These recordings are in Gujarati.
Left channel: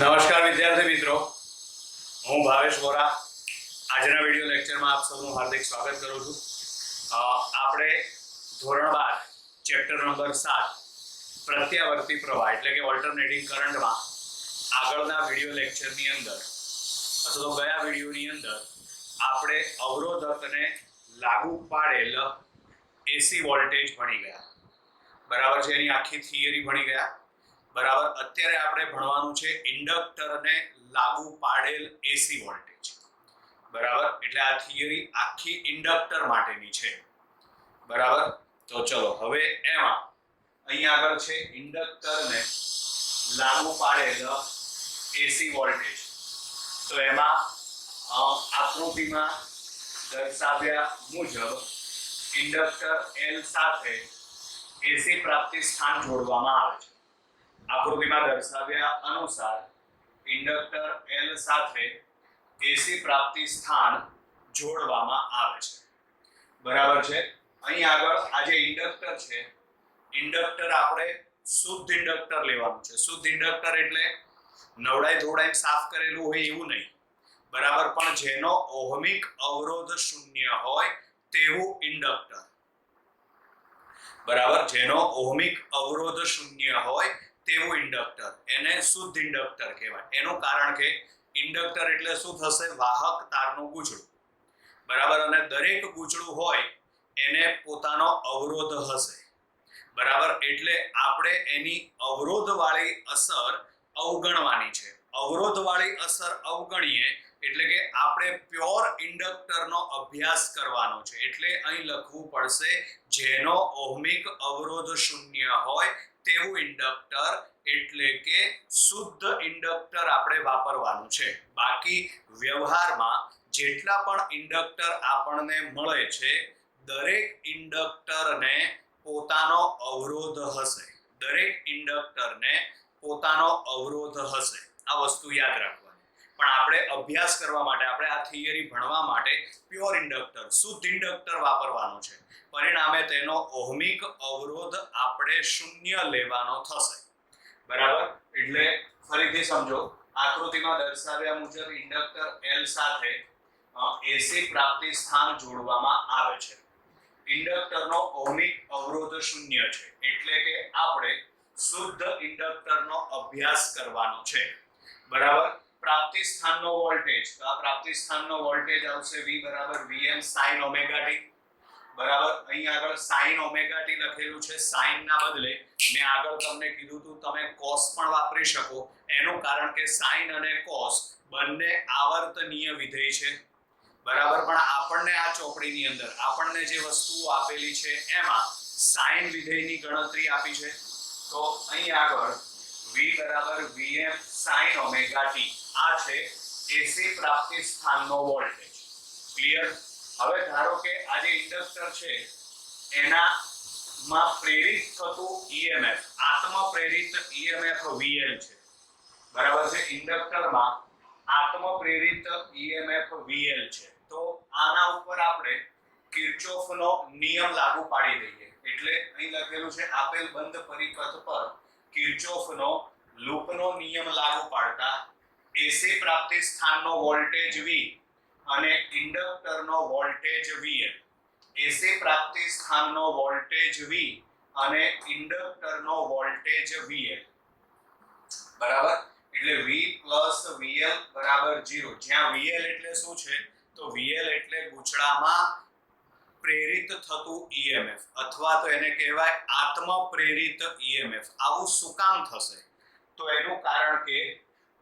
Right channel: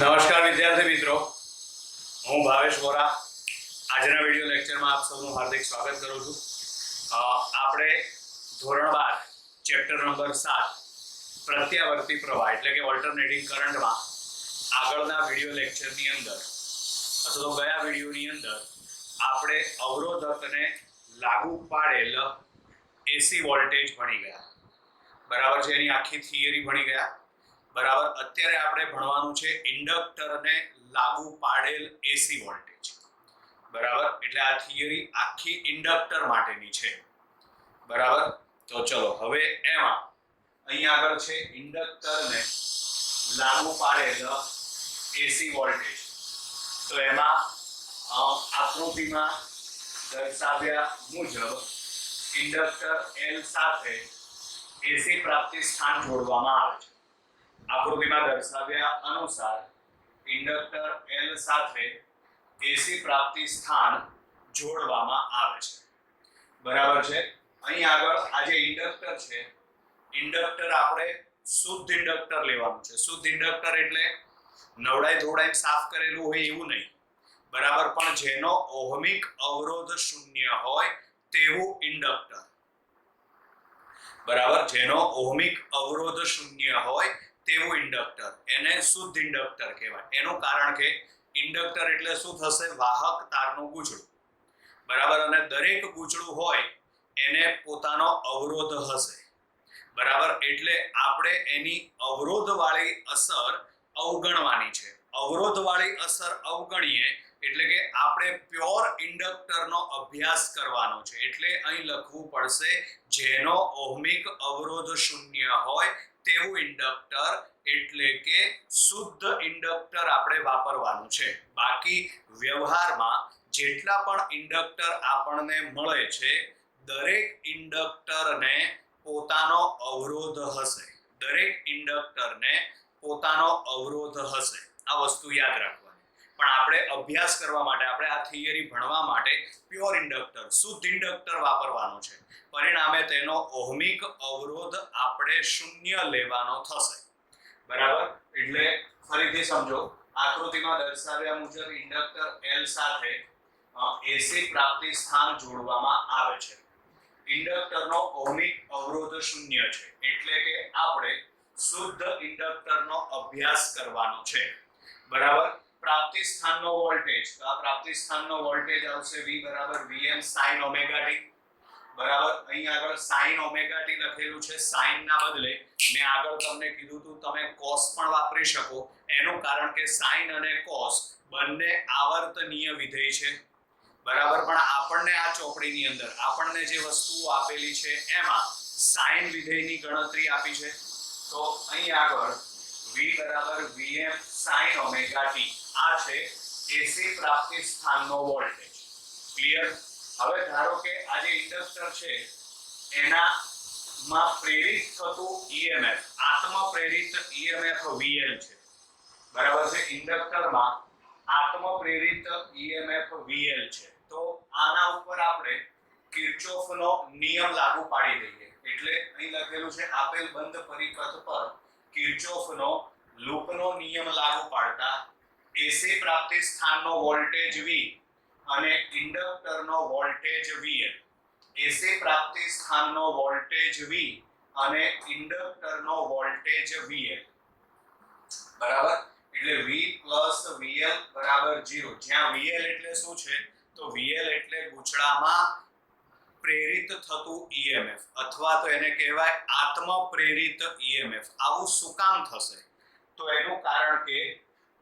નમસ્કાર વિદ્યાર્થી મિત્રો, હું ભાવેશ વોરા આજના વિડિયો લેક્ચરમાં આપ સૌનું હાર્દિક સ્વાગત કરું છું. આપણે ધોરણ 12 ચેપ્ટર નંબર 7 પ્રત્યાવર્તી પ્રવાહ એટલે કે ઓલ્ટરનેટિંગ કરંટમાં આગળના વિડિયો લેક્ચરની અંદર અથવા તો ગયા વિડિયોની અંદર આપણે અવરોધકને લાગુ પાડેલ એસી વોલ્ટેજ ભણી ગયા. બરાબર છે, એની આખી થિયરી ભણી ગયા. બરાબર, અત્યારે આપણે ભણવાનું છે ઇન્ડક્ટરને લાગુ પાડેલ એસી વોલ્ટેજ. બરાબર, એટલે આ થિયરી આખી ઇન્ડક્ટર માટેની છે. બરાબર, તો ચલો હવે એમાં અહીંયા આગળ છે ઇન્ડક્ટરને લાગુ પાડેલ એસી વોલ્ટેજ. તો એમાં આકૃતિમાં દર્શાવ્યા મુજબ ઇન્ડક્ટર L સાથે એસી પ્રાપ્તિ સ્થાન જોડવામાં આવે છે. આકૃતિમાં દર્શાવ્યા અનુસાર ઇન્ડક્ટર L સાથે એસી પ્રાપ્તિ સ્થાન જોડવામાં આવે છે. બરાબર છે. અહીં આગળ આ જે ઇન્ડક્ટર છે, ઇન્ડક્ટર આપણે શુદ્ધ ઇન્ડક્ટર લેવાનું છે. શુદ્ધ ઇન્ડક્ટર એટલે નવડાઈ ધોવડાઈ સાફ કરેલું હોય એવું નહીં. બરાબર, પણ જેનો ઓહમિક અવરોધ શૂન્ય હોય તેવું ઇન્ડક્ટર. બરાબર, જેનો ઓહમિક અવરોધ શૂન્ય હોય તેવું ઇન્ડક્ટર, એને શુદ્ધ ઇન્ડક્ટર કહેવાય. એનું કારણ કે ઇન્ડક્ટર એટલે શું થશે? વાહક તારનું ગૂંચળું. બરાબર, અને દરેક ગૂંચળું હોય એને પોતાનો અવરોધ હશે. બરાબર, એટલે આપણે એની અવરોધવાળી અસર અવગણવાની છે. અવરોધવાળી અસર અવગણીએ એટલે કે આપણે પ્યોર ઇન્ડક્ટરનો અભ્યાસ કરવાનો છે. એટલે અહીં લખવું પડશે જેનો ઓહમિક અવરોધ શૂન્ય હોય તેવું ઇન્ડક્ટર, એટલે કે શુદ્ધ ઇન્ડક્ટર આપણે વાપરવાનું છે. બાકી વ્યવહારમાં જેટલા પણ ઇન્ડક્ટર આપણને મળે છે, દરેક ઇન્ડક્ટરને પોતાનો અવરોધ હશે. દરેક ઇન્ડક્ટરને પોતાનો અવરોધ હશે. આ વસ્તુ યાદ રાખવાની. પણ આપણે અભ્યાસ કરવા માટે, આપણે આ થિયરી ભણવા માટે પ્યોર ઇન્ડક્ટર, શુદ્ધ ઇન્ડક્ટર વાપરવાનું છે. પરિણામે તેનો ઓહમિક અવરોધ આપણે શૂન્ય લેવાનો થશે. બરાબર, એટલે ફરીથી સમજો. આકૃતિમાં દર્શાવ્યા મુજબ ઇન્ડક્ટર L સાથે એસી પ્રાપ્તિ સ્થાન જોડવામાં આવે છે. ઇન્ડક્ટરનો ઓહમિક અવરોધ શૂન્ય છે, એટલે કે આપણે શુદ્ધ ઇન્ડક્ટરનો અભ્યાસ કરવાનો છે. બરાબર, પ્રાપ્તિ સ્થાનનો વોલ્ટેજ, તો આ પ્રાપ્તિ સ્થાનનો વોલ્ટેજ આવશે V = Vm sin omega t. બરાબર, અહીં આગળ sin ઓમેગા t લખેલું છે. sin ના બદલે મેં આગળ તમને કીધું હતું તમે cos પણ વાપરી શકો. એનું કારણ કે sin અને cos બંને આવર્તનીય વિધેય છે. બરાબર, પણ આપણને આ ચોપડીની અંદર આપણને જે વસ્તુઓ આપેલી છે એમાં sin વિધેયની ગણતરી આપી છે. તો અહીં આગળ V = Vm sin omega t આ છે એસી પ્રાપ્તિ સ્થાનનો વોલ્ટેજ. ક્લિયર? હવે ધારો કે આ જે ઇન્ડક્ટર છે એનામાં પ્રેરિત થતું EMF, આત્મ પ્રેરિત EMF VL છે. બરાબર છે, ઇન્ડક્ટરમાં આત્મ પ્રેરિત EMF VL છે. તો આના ઉપર આપણે કિર્ચોફનો નિયમ લાગુ પાડી દઈએ. એટલે અહીં લખેલું છે આપેલ બંધ પરિપથ પર કિર્ચોફનો લૂપનો નિયમ લાગુ પાડતા એસી પ્રાપ્તિ સ્થાનનો વોલ્ટેજ V અને ઇન્ડક્ટરનો વોલ્ટેજ VL. એસી પ્રાપ્તિ સ્થાનનો વોલ્ટેજ V અને ઇન્ડક્ટરનો વોલ્ટેજ VL. બરાબર, એટલે V + VL = 0. જ્યાં VL એટલે શું છે? તો VL એટલે ગૂંચળામાં પ્રેરિત થતું EMF, અથવા તો એને કહેવાય આત્મ પ્રેરિત EMF. આવું શું કામ થશે? તો એનું કારણ કે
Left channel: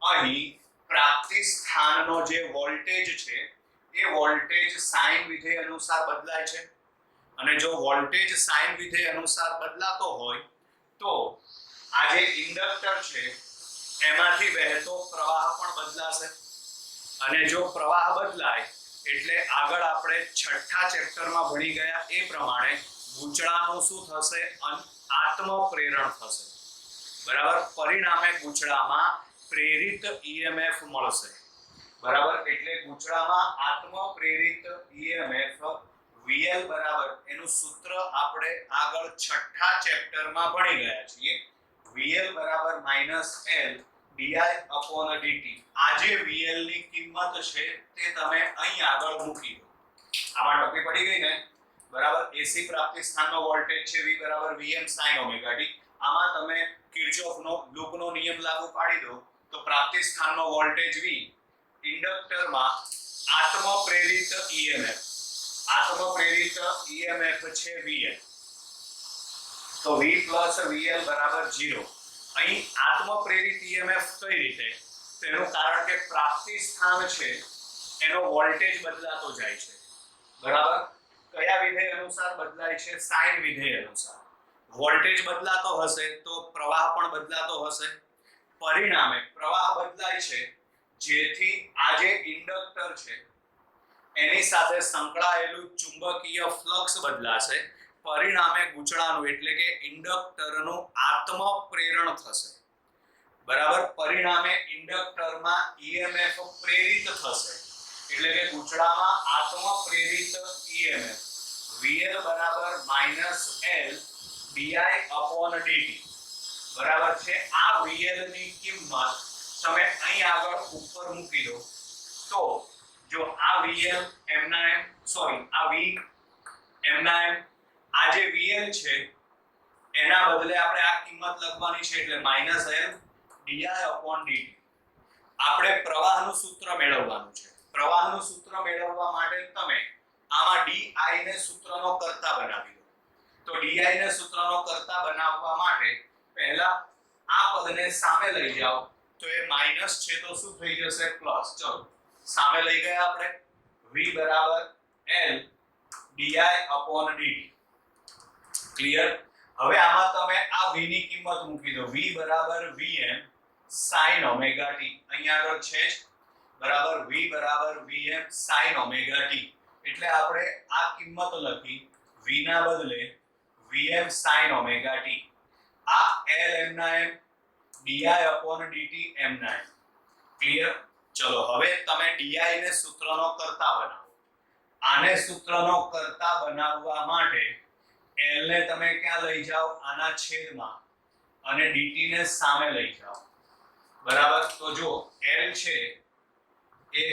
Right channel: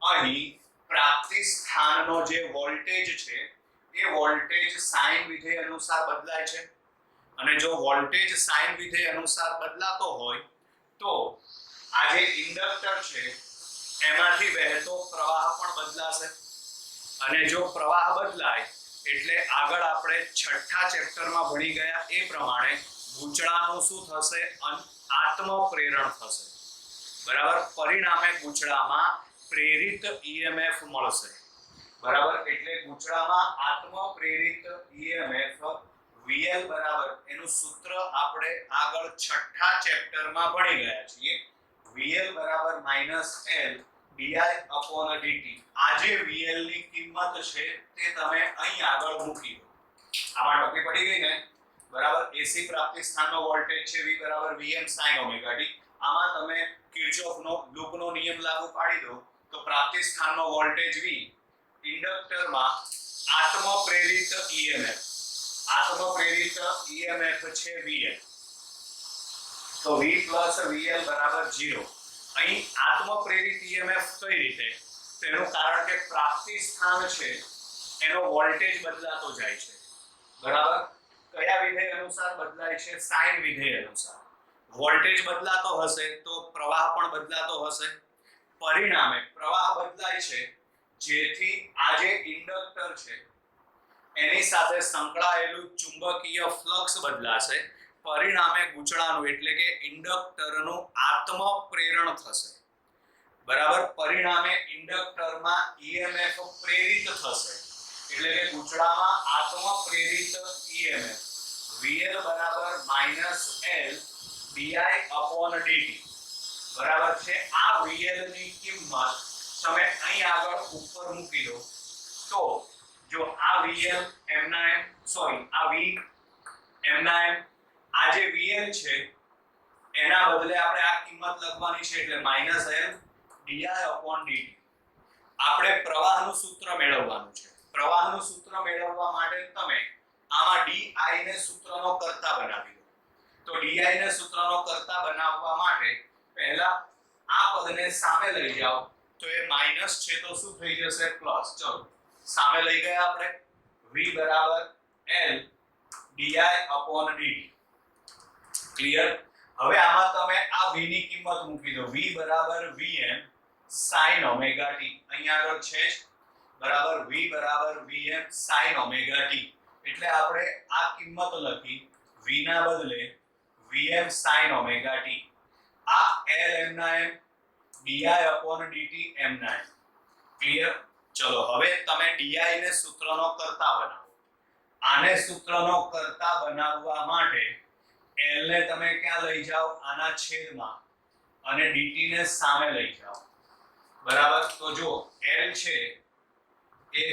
અહીં પ્રાપ્તિ સ્થાનનો જે વોલ્ટેજ છે એ વોલ્ટેજ સાઇન વિધેય અનુસાર બદલાય છે. અને જો વોલ્ટેજ સાઇન વિધેય અનુસાર બદલાતો હોય તો આ જે ઇન્ડક્ટર છે એમાંથી વહેતો પ્રવાહ પણ બદલાશે. અને જો પ્રવાહ બદલાય એટલે આગળ આપણે છઠ્ઠા ચેપ્ટરમાં ભણી ગયા એ પ્રમાણે ગૂંચળાનું શું થશે? આત્મ પ્રેરણ થશે. બરાબર, પરિણામે ગૂંચળામાં પ્રેરિત EMF મળશે. બરાબર, એટલે ગૂંચળામાં આત્મ પ્રેરિત EMF VL બરાબર, એનું સૂત્ર આપણે આગળ છઠ્ઠા ચેપ્ટરમાં ભણી ગયા છીએ. VL = -L di upon dt. આ જે vl ની કિંમત છે તે તમે અહીં આગળ મૂકી દો. આમાં ટોપી પડી ગઈ ને, બરાબર. AC પ્રાપ્તિ સ્થાનનો વોલ્ટેજ છે v બરાબર vm sin ઓમેગા t. આમાં તમે કિર્ચોફનો લૂપનો નિયમ લાગુ પાડી દો તો પ્રાપ્તિ સ્થાનનો વોલ્ટેજ v ઇન્ડક્ટરમાં આત્મપ્રેરિત EMF છે vl. તો v vl બરાબર 0. અહીં આત્મપ્રેરિત EMF કઈ રીતે? તેનું કારણ કે પ્રાપ્તિ સ્થાન છે એનો વોલ્ટેજ બદલાતો જાય છે, બરાબર. કયા વિધેય અનુસાર બદલાય છે? સાઇન વિધેય અનુસાર. વોલ્ટેજ બદલાતો હશે તો પ્રવાહ પણ બદલાતો હશે. પરિણામે પ્રવાહ બદલાય છે જેથી આ જે ઇન્ડક્ટર છે એની સાથે સંકળાયેલું ચુંબકીય ફ્લક્સ બદલાશે. પરિણામે ગૂંચળાનું એટલે કે ઇન્ડક્ટરનું આત્મપ્રેરણ થશે, બરાબર. પરિણામે ઇન્ડક્ટરમાં EMF પ્રેરિત થશે એટલે કે ગૂંચળામાં આત્મપ્રેરિત EMF VL બરાબર -L di upon dt, બરાબર છે. આ VL ની કિંમત તમે અહીં આગળ ઉપર મૂકી દો તો જો આ VL એમના એમ સોરી આ V એમના એમ આ જે VL છે એના બદલે આપણે આ કિંમત લખવાની છે એટલે -L di upon dt. આપણે પ્રવાહનું સૂત્ર મેળવવાનું છે. પ્રવાહનું સૂત્ર મેળવવા માટે તમે આમાં di ને સૂત્રનો કર્તા બનાવી દો. તો di ને સૂત્રનો કર્તા બનાવવા માટે પહેલા આ પદને સામે લઈ જાઓ તો એ માઈનસ છે તો શું થઈ જશે? પ્લસ. ચલો સામે લઈ ગયા આપણે. v બરાબર L di upon dt. Clear? હવે આમાં તમે આ v ની કિંમત મૂકી દો. v બરાબર vm sin ઓમેગા t. અહીંયા આગળ છે જ, બરાબર. v બરાબર vm sin ઓમેગા t. એટલે આપણે આ કિંમત લખી v ના બદલે vm sin ઓમેગા t. આ L એમના એમ di upon dt એમના એમ. ક્લિયર? ચલો હવે તમે di ને સૂત્રનો કર્તા બનાવો. આને સૂત્રનો કર્તા બનાવવા માટે L ને તમે ક્યાં લઈ જાઓ? આના છેદમાં, અને dt ને સામે લઈ જાઓ, બરાબર. તો જો L છે એ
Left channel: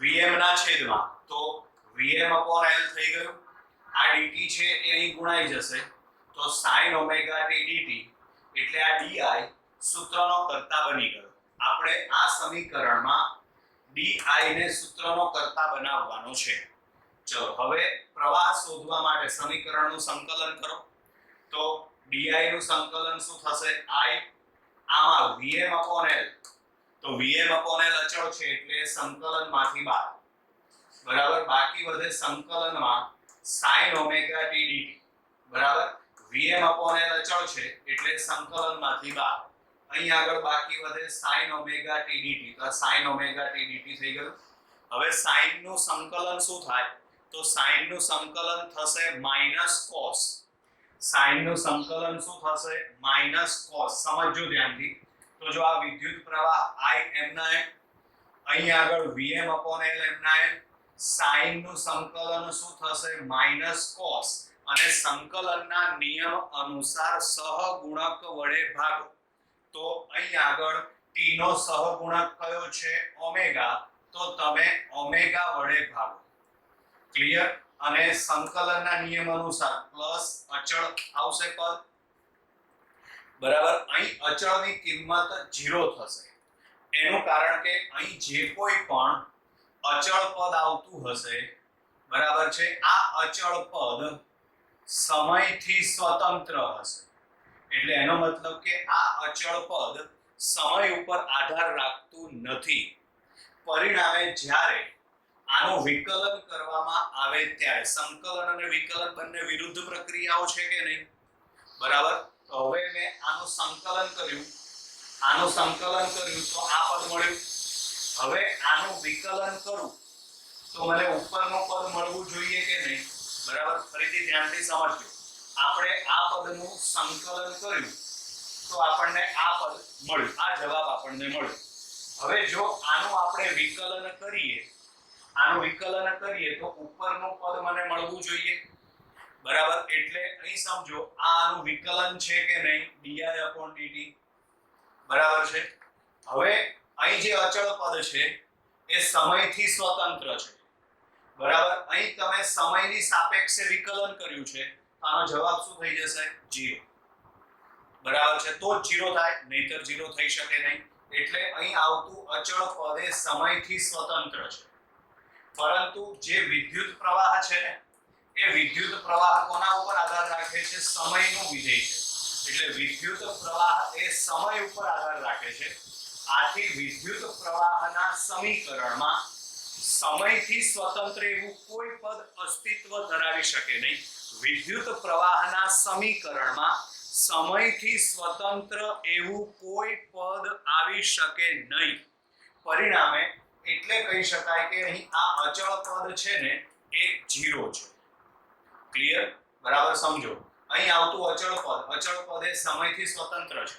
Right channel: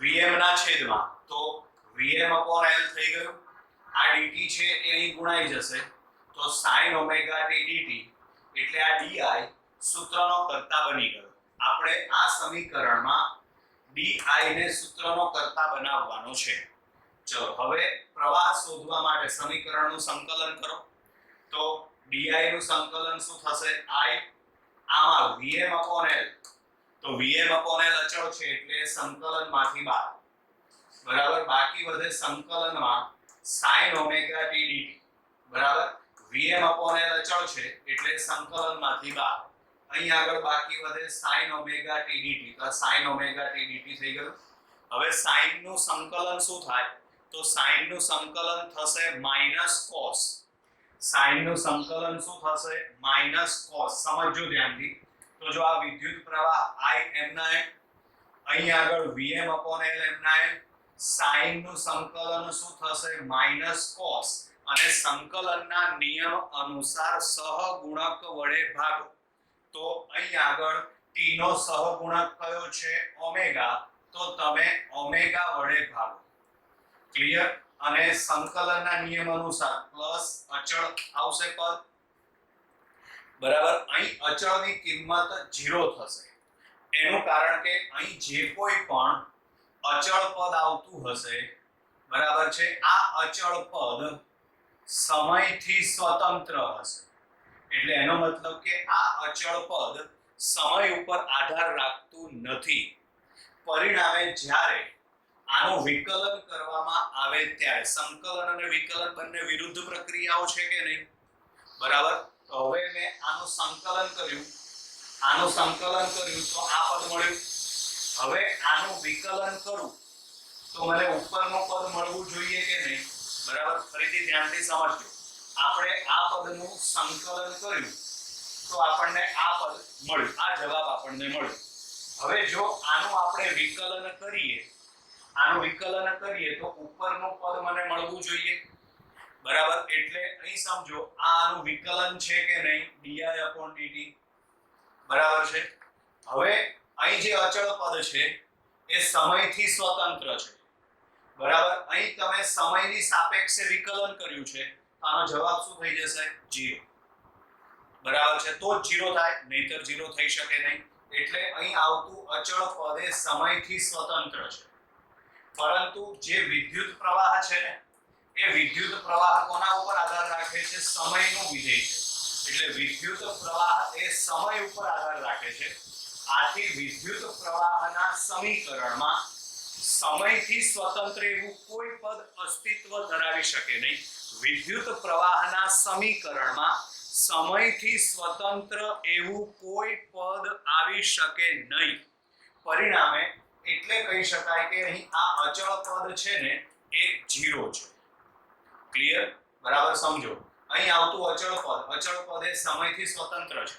vm ના છેદમાં તો vm upon L થઈ ગયું. આ dt છે એ અહીં ગુણાઈ જશે તો sin ઓમેગા t dt એટલે આ di સૂત્રનો કર્તા બની ગયો. આપણે આ સમીકરણમાં di ને સૂત્રનો કર્તા બનાવવાનો છે. ચલો હવે પ્રવાહ શોધવા માટે સમીકરણનું સંકલન કરો તો di નું સંકલન શું થશે? I આમાં vm upon L તો vm upon L અચળ છે એટલે સંકલનમાંથી બહાર, બરાબર. બાકી વધે સંકલનમાં sin ઓમેગા t dt, બરાબર. vm upon L અચળ છે એટલે સંકલનમાંથી બહાર. અહીં આગળ બાકી વધે sin ઓમેગા t dt. તો sin ઓમેગા t dt થઈ ગયું. હવે sin નું સંકલન શું થાય? તો sin નું સંકલન થશે -cos. sin નું સંકલન શું થશે? -cos. સમજજો ધ્યાનથી. તો જો આ વિદ્યુત પ્રવાહ I એમના એમ, અહીં આગળ vm upon L એમના એમ, sin નું સંકલન શું થશે? -cos. અને સંકલનના નિયમ અનુસાર સહગુણક વડે ભાગો. તો અહીં આગળ t નો સહગુણક કયો છે? ઓમેગા. તો તમે ઓમેગા વડે ભાગો. ક્લિયર? અને સંકલનના નિયમ અનુસાર પ્લસ અચળ આવશે પદ, બરાબર. અહીં અચળની કિંમત 0 થશે. એનું કારણ કે અહીં જે કોઈ પણ અચળ પદ આવતું હશે, બરાબર છે, આ અચળ પદ સમયથી સ્વતંત્ર હશે. એટલે એનો મતલબ કે આ અચળ પદ સમય ઉપર આધાર રાખતું નથી. પરિણામે જ્યારે આનું વિકલન કરવામાં આવે ત્યારે, સંકલન અને વિકલન બંને વિરુદ્ધ પ્રક્રિયાઓ છે કે નહીં? બરાબર. તો હવે મેં આનું સંકલન કર્યું તો આ પદ મળ્યું. હવે આનું વિકલન કરું તો મને ઉપરનું પદ મળવું જોઈએ કે નહીં? બરાબર. ફરીથી ધ્યાનથી સમજજો. આપણે આ પદનું સંકલન કર્યું તો આપણને આ પદ મળ્યું, આ જવાબ આપણને મળ્યો. હવે જો આનું આપણે વિકલન કરીએ તો ઉપરનું પદ મને મળવું જોઈએ, બરાબર. એટલે અહીં સમજો આનું વિકલન છે કે નહીં? di upon dt, બરાબર છે. હવે અહીં જે અચળ પદ છે એ સમયથી સ્વતંત્ર છે, બરાબર. અહીં તમે સમયની સાપેક્ષે વિકલન કર્યું છે તો આનો જવાબ શું થઈ જશે? 0. બરાબર છે, તો જ 0 થાય, નહીતર 0 થઈ શકે નહીં. એટલે અહીં આવતું અચળ પદ એ સમયથી સ્વતંત્ર છે. પરંતુ જે વિદ્યુત પ્રવાહ છે ને એ વિદ્યુત પ્રવાહ કોના ઉપર આધાર રાખે છે? સમયનું વિધેય છે. એટલે વિદ્યુત પ્રવાહ એ સમય ઉપર આધાર રાખે છે. આથી વિદ્યુત પ્રવાહના સમીકરણમાં સમયથી સ્વતંત્ર એવું કોઈ પદ અસ્તિત્વ ધરાવી શકે નહીં. વિદ્યુત પ્રવાહના સમીકરણમાં સમયથી સ્વતંત્ર એવું કોઈ પદ આવી શકે નહીં. પરિણામે એટલે કહી શકાય કે અહીં આ અચળ પદ છે ને એ 0 છે. ક્લિયર? બરાબર સમજો. અહીં આવતું અચળ પદ એ સમયથી સ્વતંત્ર છે.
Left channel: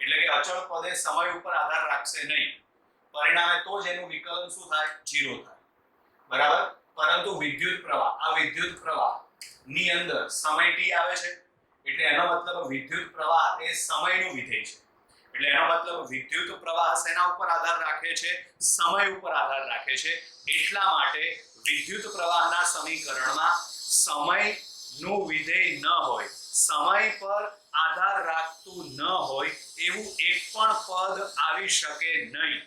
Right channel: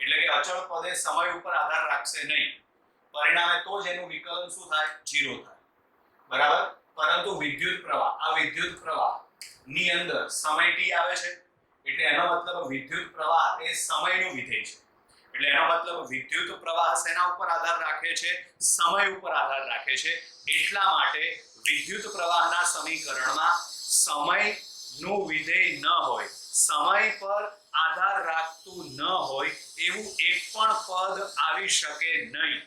એટલે કે અચળ પદ એ સમય ઉપર આધાર રાખશે નહીં. પરિણામે તો જ એનું વિકલન શું થાય? 0 થાય. બરાબર. પરંતુ વિદ્યુત પ્રવાહ ની અંદર સમય t આવે છે. એટલે એનો મતલબ વિદ્યુત પ્રવાહ એ સમયનું વિધેય છે. એટલે એનો મતલબ વિદ્યુત પ્રવાહ શેના ઉપર આધાર રાખે છે? સમય ઉપર આધાર રાખે છે. એટલા માટે વિદ્યુત પ્રવાહના સમીકરણમાં સમયનું વિધેય ન હોય, સમય પર આધાર રાખતું ન હોય એવું એક પણ પદ આવી શકે નહીં.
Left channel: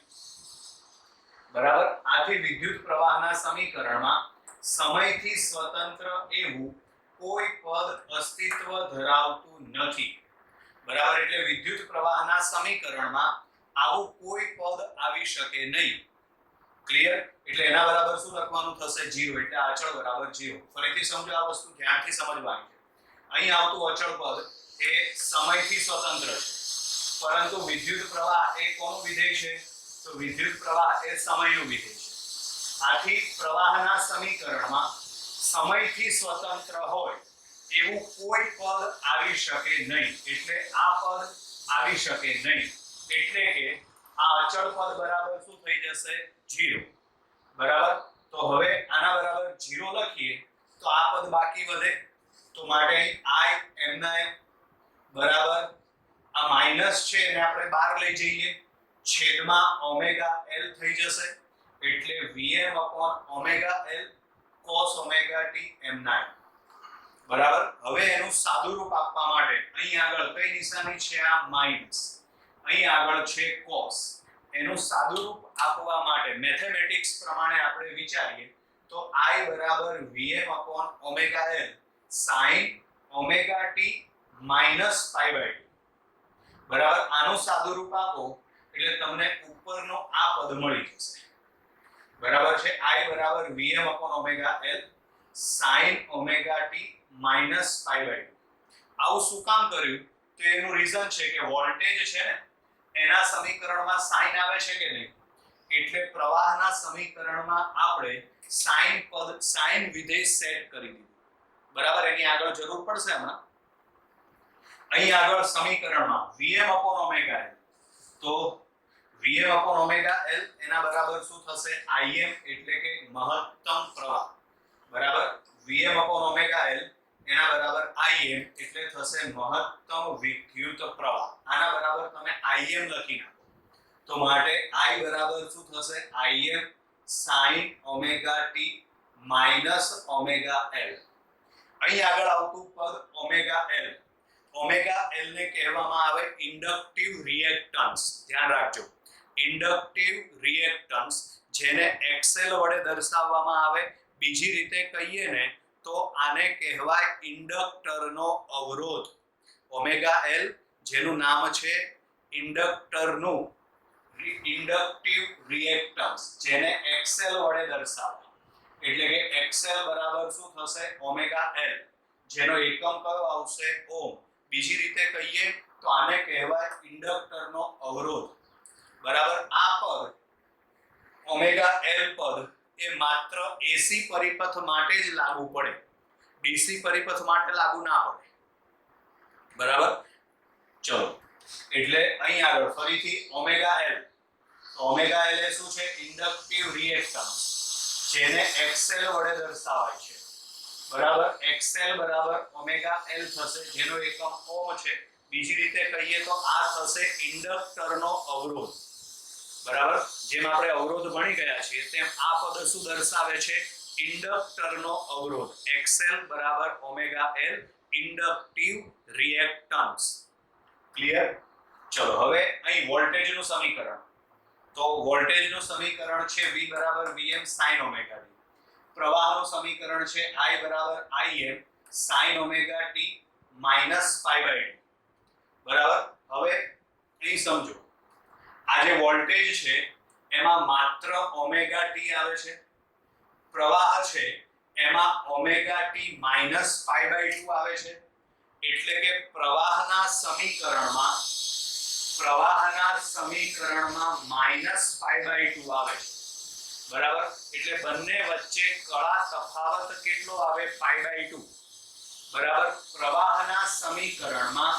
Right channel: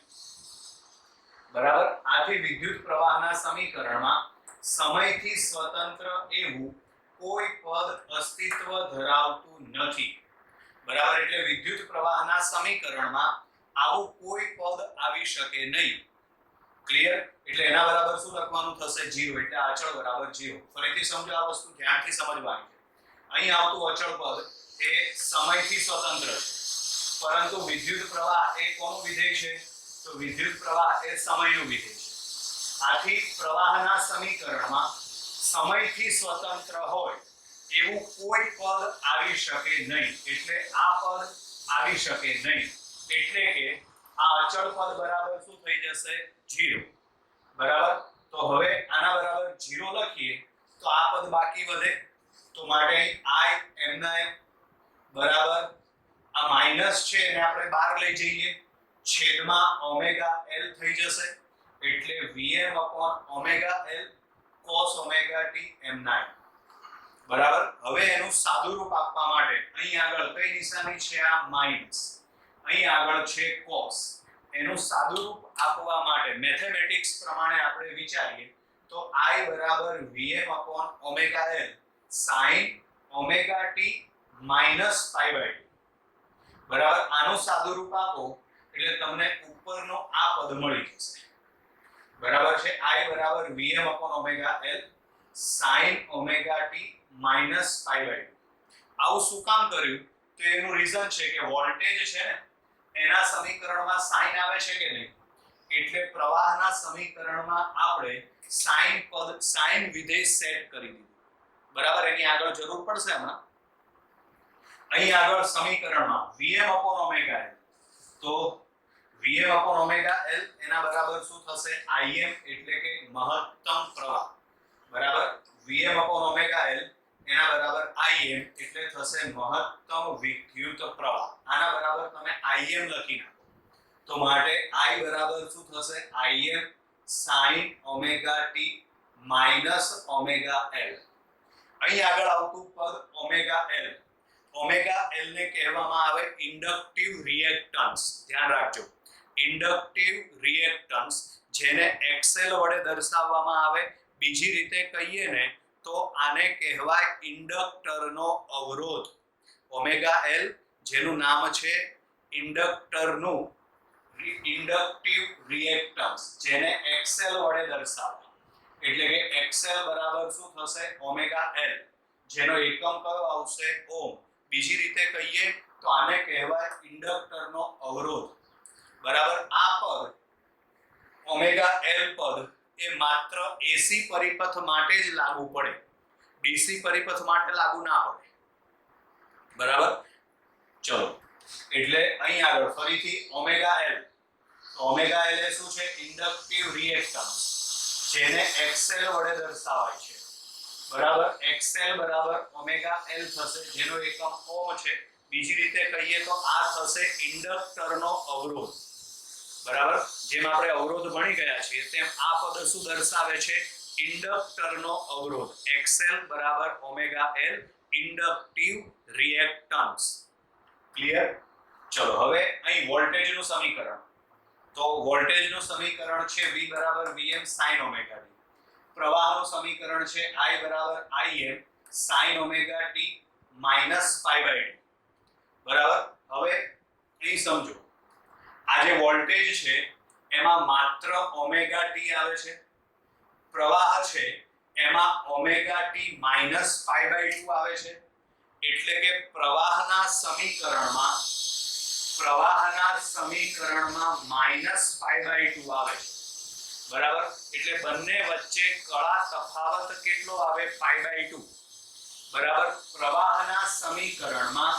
બરાબર. આથી વિદ્યુત પ્રવાહના સમીકરણમાં સમયથી સ્વતંત્ર એવું કોઈ પદ અસ્તિત્વ ધરાવતું નથી. બરાબર. એટલે વિદ્યુત પ્રવાહના સમીકરણમાં આવું કોઈ પદ આવી શકે નહીં. ક્લિયર? એટલે એના બરાબર શું લખવાનું થશે? 0. એટલે અચળ બરાબર 0. ફરીથી સમજો, આ વસ્તુ ધ્યાનથી સમજવાની છે. અહીં આવતું અચળ પદ એ સમયથી સ્વતંત્ર છે, પરંતુ વિદ્યુત પ્રવાહ એ કોનું વિધેય છે? તો વિદ્યુત પ્રવાહ એ સમયનું વિધેય છે. આથી પ્રવાહના સમીકરણમાં સમયથી સ્વતંત્ર હોય એવું કોઈ પદ આવી શકે નહીં. એટલે આ પદ આવી શકે નહીં. એટલે કે આ અચળ પદ બરાબર શું થઈ જશે? 0. બરાબર. તો હવે આના બરાબર 0 લખીએ તો આ પદ બાકી વધે. તો માટે i m બરાબર આ માઈનસ છે એને આપણે બહાર લઈ જઈએ, છેદમાં ઓમેગા l થઈ જશે. એટલે vm omega l cos omega t m9. બરાબર. હવે એનું સાદું રૂપ આપવા માટે અહીં આગળ કઈ નિશાની છે? આ માઈનસ. અહીં આગળ છે cos. એનું સાદું રૂપ આપવા માટે મેથેમેટિક્સ પ્રમાણે આપણે વિચારીએ તો i બરાબર vm omega l sin omega t minus pi by 2. બરાબર. આનું સાદું રૂપ આપો એટલે તમને ઉપરનો આ પદ મળી જશે. બરાબર છે. i બરાબર vm omega l sin omega t minus pi by 2. આવું શું કામ કર્યું? તો એનું રીઝન છે કે વોલ્ટેજ છે ને એના સમીકરણમાં સાઇન આવે છે કે નહીં? એટલે પ્રવાહના સમીકરણમાં આપણે સાઇન વિધેય સેટ કરી દીધું. બરાબર. એની આગળ જરૂર પડશે હમણાં. અહીં આગળ સમીકરણમાં vm ઓમેગા l, તો vm ઓમેગા l એના બરાબર શું થશે? im એટલે કે મહત્તમ પ્રવાહ. બરાબર. vm ઓમેગા l એના બરાબર im એટલે થશે મહત્તમ વિદ્યુત પ્રવાહ. આના બરાબર તમે im લખી નાખો તો માટે i બરાબર શું થશે? im sin omega t minus omega l. અહીં આગળ આવતું પદ ઓમેગા l. ઓમેગા l ને કહેવામાં આવે ઇન્ડક્ટિવ રિએક્ટન્સ. ધ્યાન રાખજો, ઇન્ડક્ટિવ રિએક્ટન્સ, જેને xl વડે દર્શાવવામાં આવે. બીજી રીતે કહીએ ને તો આને કહેવાય ઇન્ડક્ટરનો અવરોધ. ઓમેગા l જેનું નામ છે ઇન્ડક્ટરનું ઇન્ડક્ટિવ રિએક્ટન્સ, જેને xl વડે દર્શાવે. એટલે કે xl બરાબર શું થશે? ઓમેગા l, જેનો એકમ કયો આવશે? ઓમ. બીજી રીતે કહીએ તો આને કહેવાય ઇન્ડક્ટરનો અવરોધ. બરાબર. આ પદ ઓમેગા l પદ એ માત્ર એસી પરિપથ માટે જ લાગુ પડે, ડીસી પરિપથ માટે લાગુ ના પડે. બરાબર. ચલો, એટલે અહીં આગળ ફરીથી ઓમેગા l. ઓમેગા l એ શું છે? ઇન્ડક્ટિવ રિએક્ટન્સ, જેને xl વડે દર્શાવાય છે. બરાબર. xl બરાબર ઓમેગા l થશે, જેનો એકમ ઓમ છે. બીજી રીતે કહીએ તો આ થશે ઇન્ડક્ટરનો અવરોધ. જેમ આપણે અવરોધ ભણી ગયા છીએ તેમ આ પદ શું દર્શાવે છે? ઇન્ડક્ટરનો અવરોધ. XL બરાબર omega L inductive reactance. Clear? ચલો હવે અહીં વોલ્ટેજનું સમીકરણ. તો વોલ્ટેજનું સમીકરણ છે V બરાબર Vm sin ઓમેગા t. પ્રવાહનું સમીકરણ છે I બરાબર Im sin omega t minus π/2. બરાબર? હવે અહીં સમજો, આ જે વોલ્ટેજ છે એમાં માત્ર ઓમેગા t આવે છે, પ્રવાહ છે એમાં ઓમેગા t માઈનસ π/2 આવે છે, એટલે કે પ્રવાહના સમીકરણમાં માઈનસ π/2 આવે છે. બરાબર? એટલે બંને વચ્ચે કળા તફાવત કેટલો આવે? π/2. બરાબર? પ્રવાહના સમીકરણમાં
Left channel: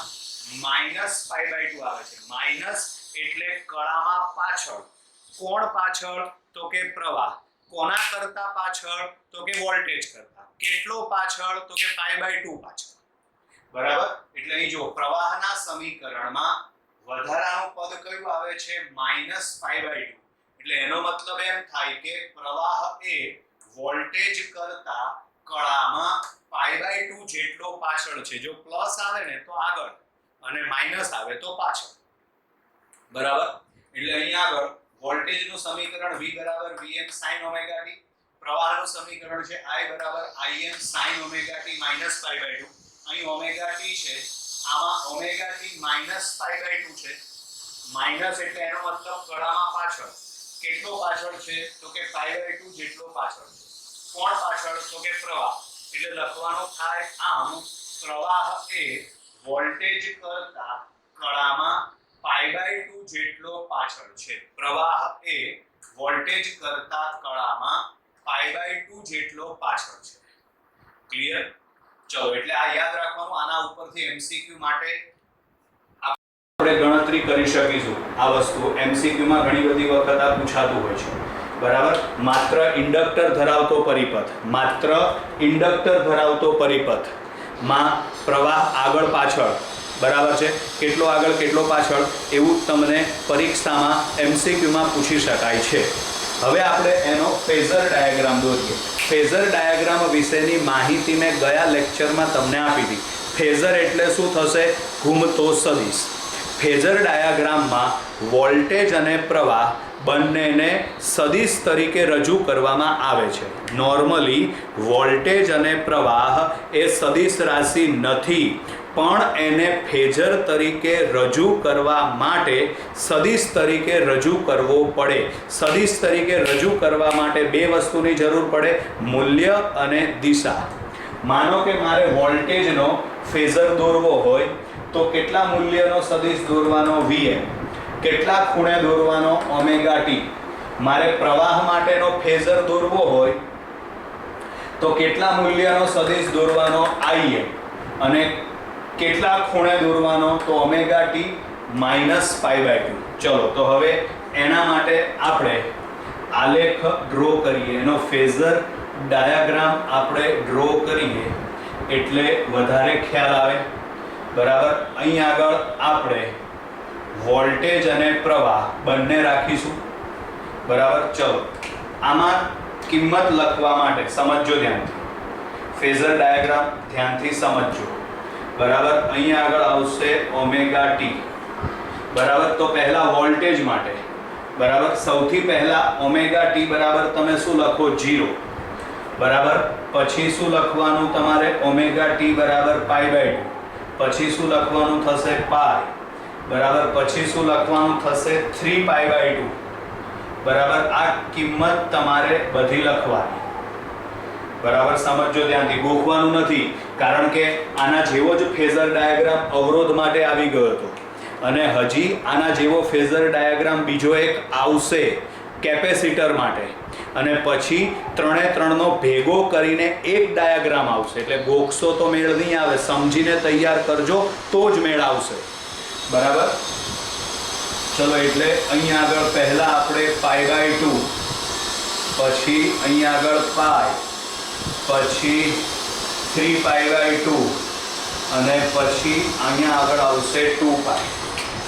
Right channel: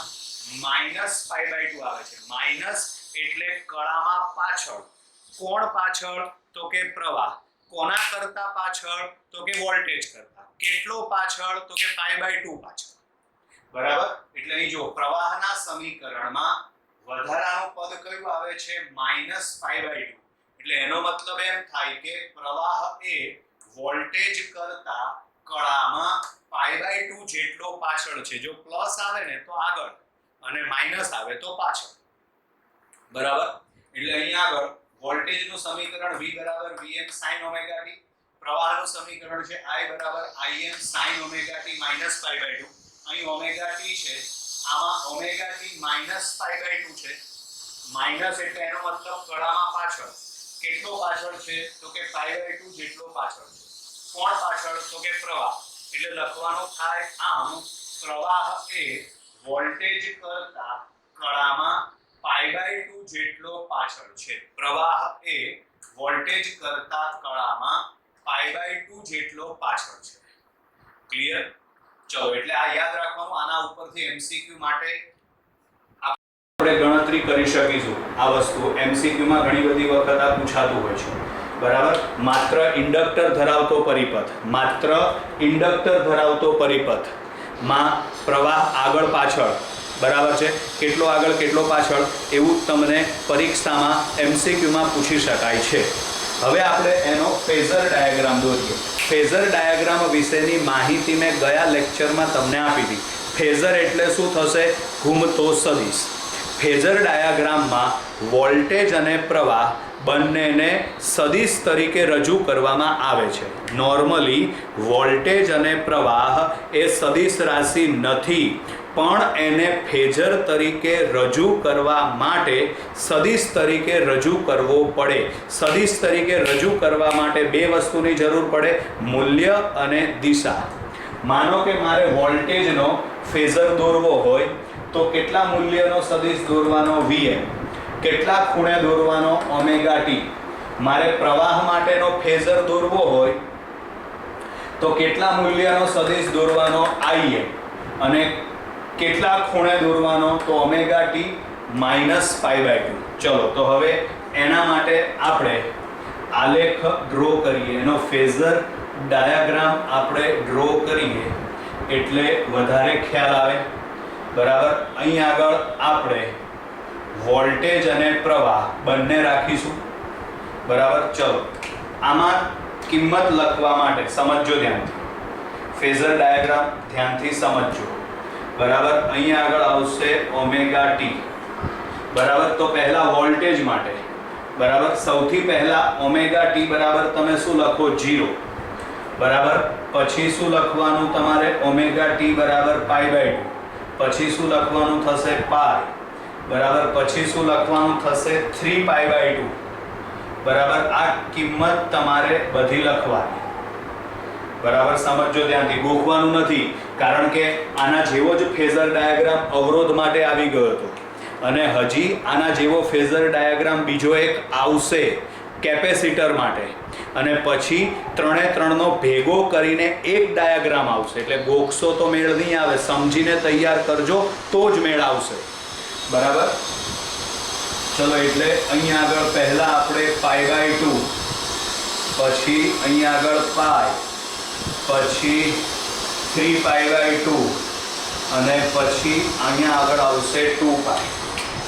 માઈનસ π/2 આવે છે. માઈનસ એટલે કળામાં પાછળ. કોણ પાછળ? તો કે પ્રવાહ. કોના કરતા પાછળ? તો કે વોલ્ટેજ કરતા. કેટલો પાછળ? તો કે π/2 પાછળ. બરાબર? એટલે અહીં જો પ્રવાહના સમીકરણમાં વધારાનું પદ કયું આવે છે? માઈનસ π/2. એટલે એનો મતલબ એમ થાય કે પ્રવાહ એ વોલ્ટેજ કરતા કળામાં π/2 જેટલો પાછળ છે. જો પ્લસ આવે ને તો આગળ અને માઈનસ આવે તો પાછળ. બરાબર? એટલે અહીં આગળ વોલ્ટેજનું સમીકરણ V બરાબર Vm sin ઓમેગા t, પ્રવાહનું સમીકરણ છે I બરાબર Im sin omega t minus π/2. અહીં ઓમેગા t છે, આમાં ઓમેગા t માઈનસ π/2 છે. માઈનસ એટલે એનો મતલબ કળામાં પાછળ. કેટલો પાછળ છે? તો કે π/2 જેટલો પાછળ છે. કોણ પાછળ? તો કે પ્રવાહ. એટલે લખવાનું થાય આમ પ્રવાહ એ વોલ્ટેજ કરતા કળામાં π/2 જેટલો પાછળ છે. પ્રવાહ એ વોલ્ટેજ કરતા કળામાં π/2 જેટલો પાછળ છે. ક્લિયર? ચલો એટલે આ યાદ રાખવાનું. આના ઉપરથી MCQ માટે આપણે ગણતરી કરી શકીશું. આ વસ્તુ MCQ માં ઘણી બધી વખત આ પૂછાતું હોય છે. બરાબર? માત્ર ઇન્ડક્ટર ધરાવતો પરિપથ માં પ્રવાહ આગળ પાછળ, બરાબર છે, કેટલો આગળ કેટલો પાછળ, એવું તમને પરીક્ષામાં MCQ માં પૂછી શકાય છે. હવે આપણે એનો ફેઝર ડાયાગ્રામ દોરીએ. ફેઝર ડાયાગ્રામ વિશેની માહિતી મેં ગયા લેક્ચરમાં તમને આપી હતી. ફેઝર એટલે શું થશે? ઘૂમતો સદિશ. ફેઝર ડાયાગ્રામમાં વોલ્ટેજ અને પ્રવાહ બંનેને સદિશ તરીકે રજૂ કરવામાં આવે છે. નોર્મલી વોલ્ટેજ અને પ્રવાહ એ સદિશ રાશિ નથી, પણ એને ફેઝર તરીકે રજૂ કરવા માટે સદિશ તરીકે રજૂ કરવો પડે. સદિશ તરીકે રજૂ કરવા માટે બે વસ્તુની જરૂર પડે: મૂલ્ય અને દિશા. માનો કે મારે વોલ્ટેજનો ફેઝર દોરવો હોય તો કેટલા મૂલ્યનો સદિશ દોરવાનો? Vm. કેટલા ખૂણે દોરવાનો? Omega t. મારે પ્રવાહ માટેનો ફેઝર દોરવો હોય તો કેટલા મૂલ્યનો સદિશ દોરવાનો? Im. અને કેટલા ખૂણે દોરવાનો? તો ઓમેગા t માઈનસ π/2. ચલો તો હવે એના માટે આપણે આલેખ ડ્રો કરીએ, એનો ફેઝર ડાયાગ્રામ આપણે ડ્રો કરીએ એટલે વધારે ખ્યાલ આવે. બરાબર? અહીં આગળ આપણે વોલ્ટેજ અને પ્રવાહ બંને રાખીશું. બરાબર? ચલો આમાં કિંમત લખવા માટે સમજજો ધ્યાનથી. ફેઝર ડાયાગ્રામ ધ્યાનથી સમજજો. બરાબર? અહીં આગળ આવશે ઓમેગા t. બરાબર? તો પહેલા વોલ્ટેજ માટે, બરાબર, સૌથી પહેલા ઓમેગા t બરાબર તમે શું લખો? 0. બરાબર? પછી શું લખવાનું તમારે? ઓમેગા t બરાબર π/2. પછી શું લખવાનું થશે? પાઈ. બરાબર? પછી શું લખવાનું થશે? 3π/2. બરાબર? આ કિંમત તમારે બધી લખવાની. બરાબર? સમજજો ધ્યાનથી, ગોખવાનું નથી, કારણ કે આના જેવો જ ફેઝર ડાયાગ્રામ અવરોધ માટે આવી ગયો હતો અને હજી આના જેવો ફેઝર ડાયાગ્રામ બીજો એક આવશે કેપેસિટર માટે, અને પછી 3 નો ભેગો કરીને એક ડાયાગ્રામ આવશે. એટલે ગોખશો તો મેળ નહીં આવે, સમજીને તૈયાર કરજો તો જ મેળ આવશે. બરાબર? ચલો એટલે અહીંયા આગળ પહેલા આપણે π/2, પછી અહીંયા આગળ પાઈ, પછી 3π/2 અને પછી અહીંયા આગળ આવશે 2π.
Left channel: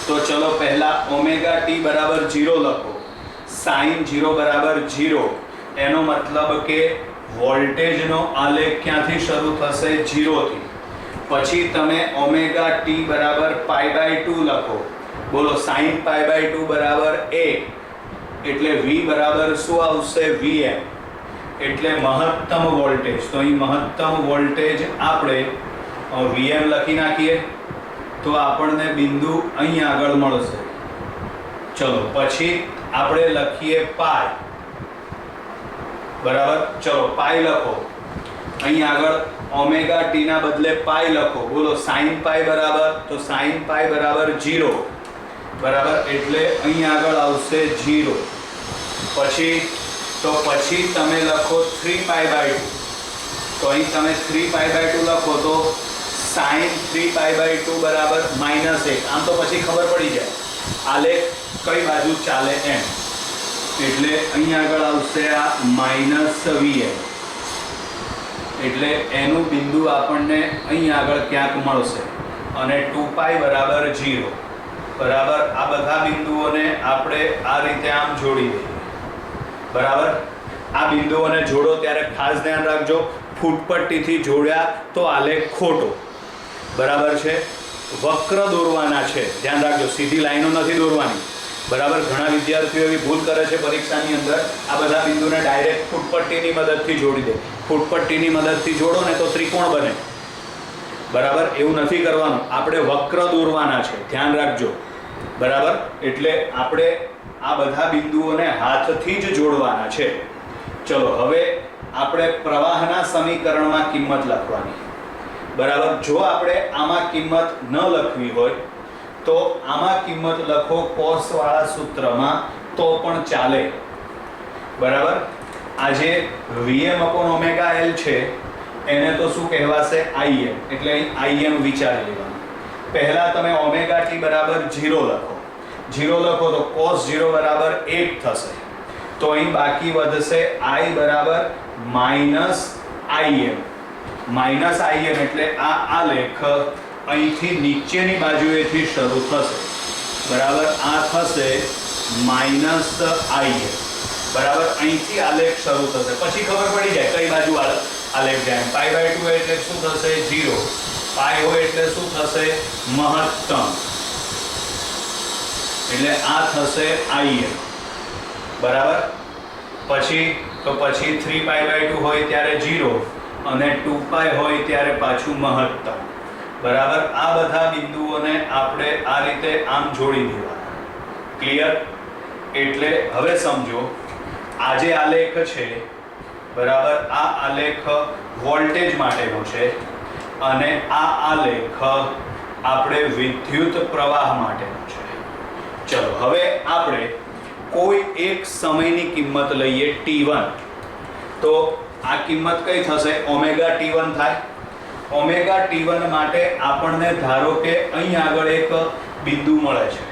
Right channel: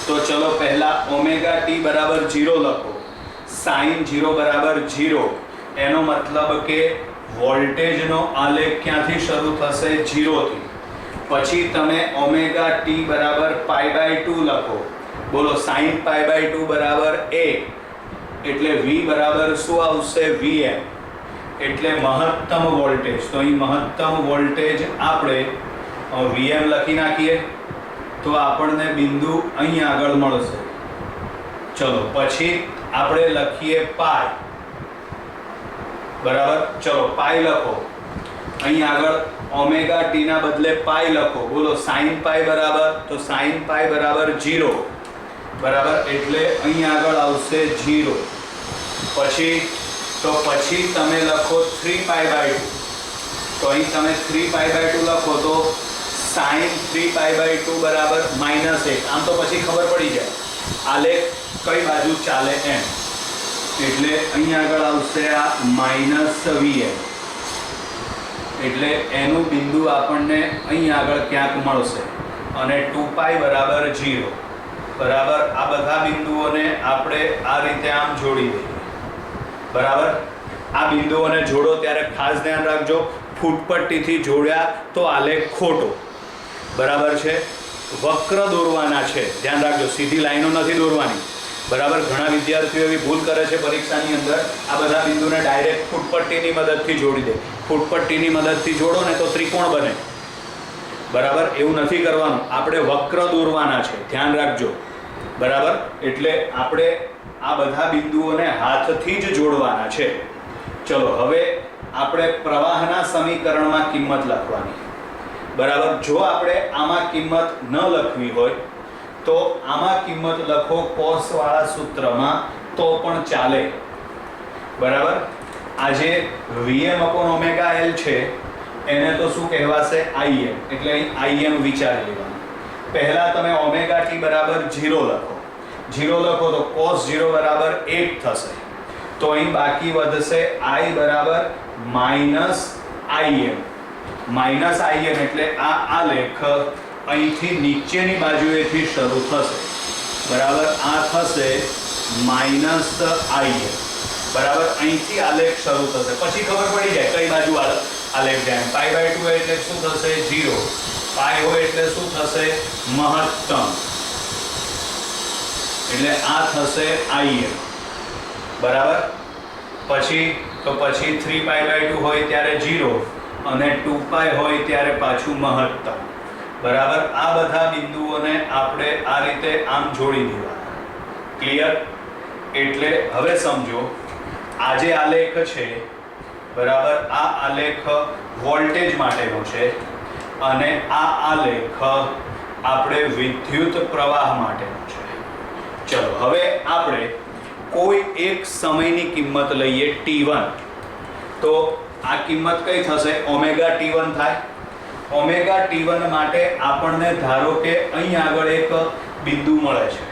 તો ચલો પહેલા ઓમેગા t બરાબર 0 લખો. sin 0 બરાબર 0, એનો મતલબ કે વોલ્ટેજનો આલેખ ક્યાંથી શરૂ થશે? 0 થી. પછી તમે ઓમેગા ટી બરાબર π/2 લખો. બોલો sin π/2 બરાબર 1, એટલે v બરાબર શું આવશે? Vm, એટલે મહત્તમ વોલ્ટેજ. તો અહીં મહત્તમ વોલ્ટેજ આપણે Vm લખી નાખીએ તો આપણને બિંદુ અહીં આગળ મળશે. ચલો પછી આપણે લખીએ પાઈ. બરાબર, ચલો પાઈ લખો. અહીં આગળ ઓમેગા ટી ના બદલે પાઈ લખો. બોલો sin પાઈ બરાબર, તો sin પાઈ બરાબર 0. બરાબર, એટલે અહીં આગળ આવશે 0. પછી તમે લખો 3π/2. તો અહીં તમે 3π/2 લખો તો sin 3π/2 બરાબર -1. આમ તો પછી ખબર પડી જાય આલેખ કઈ બાજુ ચાલે એમ. એટલે અહીં આગળ આવશે આ -Vm, એટલે એનું બિંદુ આપણને અહીં આગળ ક્યાંક મળશે. અને 2π બરાબર 0. બરાબર, આ બધા બિંદુઓને આપણે આ રીતે આમ જોડી દઈએ. બરાબર, આ બિંદુઓને જોડો ત્યારે ખાસ ધ્યાન રાખજો, ફૂટપટ્ટીથી જોડ્યા તો આલેખ ખોટો. બરાબર છે, વક્ર દોરવાના છે, ધ્યાન રાખજો, સીધી લાઈનો નથી દોરવાની. બરાબર, ઘણા વિદ્યાર્થીઓ એવી ભૂલ કરે છે પરીક્ષાની અંદર, આ બધા બિંદુને ડાયરેક્ટ ફૂટપટ્ટીની મદદથી જોડી દે. ફૂટપટ્ટીની મદદથી જોડો ને તો ત્રિકોણ બને. બરાબર, એવું નથી કરવાનું, આપણે વક્ર દોરવાના છે, ધ્યાન રાખજો. બરાબર, એટલે આપણે આ બધા બિંદુઓને હાથથી જ જોડવાના છે. ચલો હવે આપણે પ્રવાહના સમીકરણમાં કિંમત લખવાની. બરાબર, જો આપણે આમાં કિંમત ન લખવી હોય તો આમાં કિંમત લખો cos વાળા સૂત્રમાં તો પણ ચાલે. બરાબર, આ જે Vm/ωL છે એને તો શું કહેવાશે? Im, એટલે અહીં Im વિચારી લેવાનું. પહેલા તમે ઓમેગા ટી બરાબર 0 લખો. 0 લખો તો cos 0 બરાબર 1 થશે. તો અહીં બાકી વધશે I બરાબર -Im. -Im એટલે આ આલેખ અહીંથી નીચેની બાજુએથી શરૂ થશે. બરાબર, આ થશે -Im. બરાબર, અહીંથી આલેખ શરૂ થશે. પછી ખબર પડી જાય કઈ બાજુ આલેખ જાય. π/2 એટલે શું થશે? 0. પાઈ હોય એટલે શું થશે? મહત્તમ, એટલે આ થશે Im. બરાબર, પછી 3π/2 હોય ત્યારે 0 અને 2π હોય ત્યારે પાછું મહત્તમ. બરાબર, આ બધા બિંદુઓને આપણે આ રીતે આમ જોડી દેવાના. ક્લિયર? એટલે હવે સમજો, આ જે આલેખ છે, બરાબર, આ આલેખ વોલ્ટેજ માટેનો છે અને આ આલેખ આપણે વિદ્યુત પ્રવાહ માટેનો છે. ચલો હવે આપણે કોઈ એક સમયની કિંમત લઈએ t1. તો આ કિંમત કઈ થશે? ઓમેગા t1 થાય. ઓમેગા t1 માટે આપણને ધારો કે અહીં આગળ એક બિંદુ મળે છે.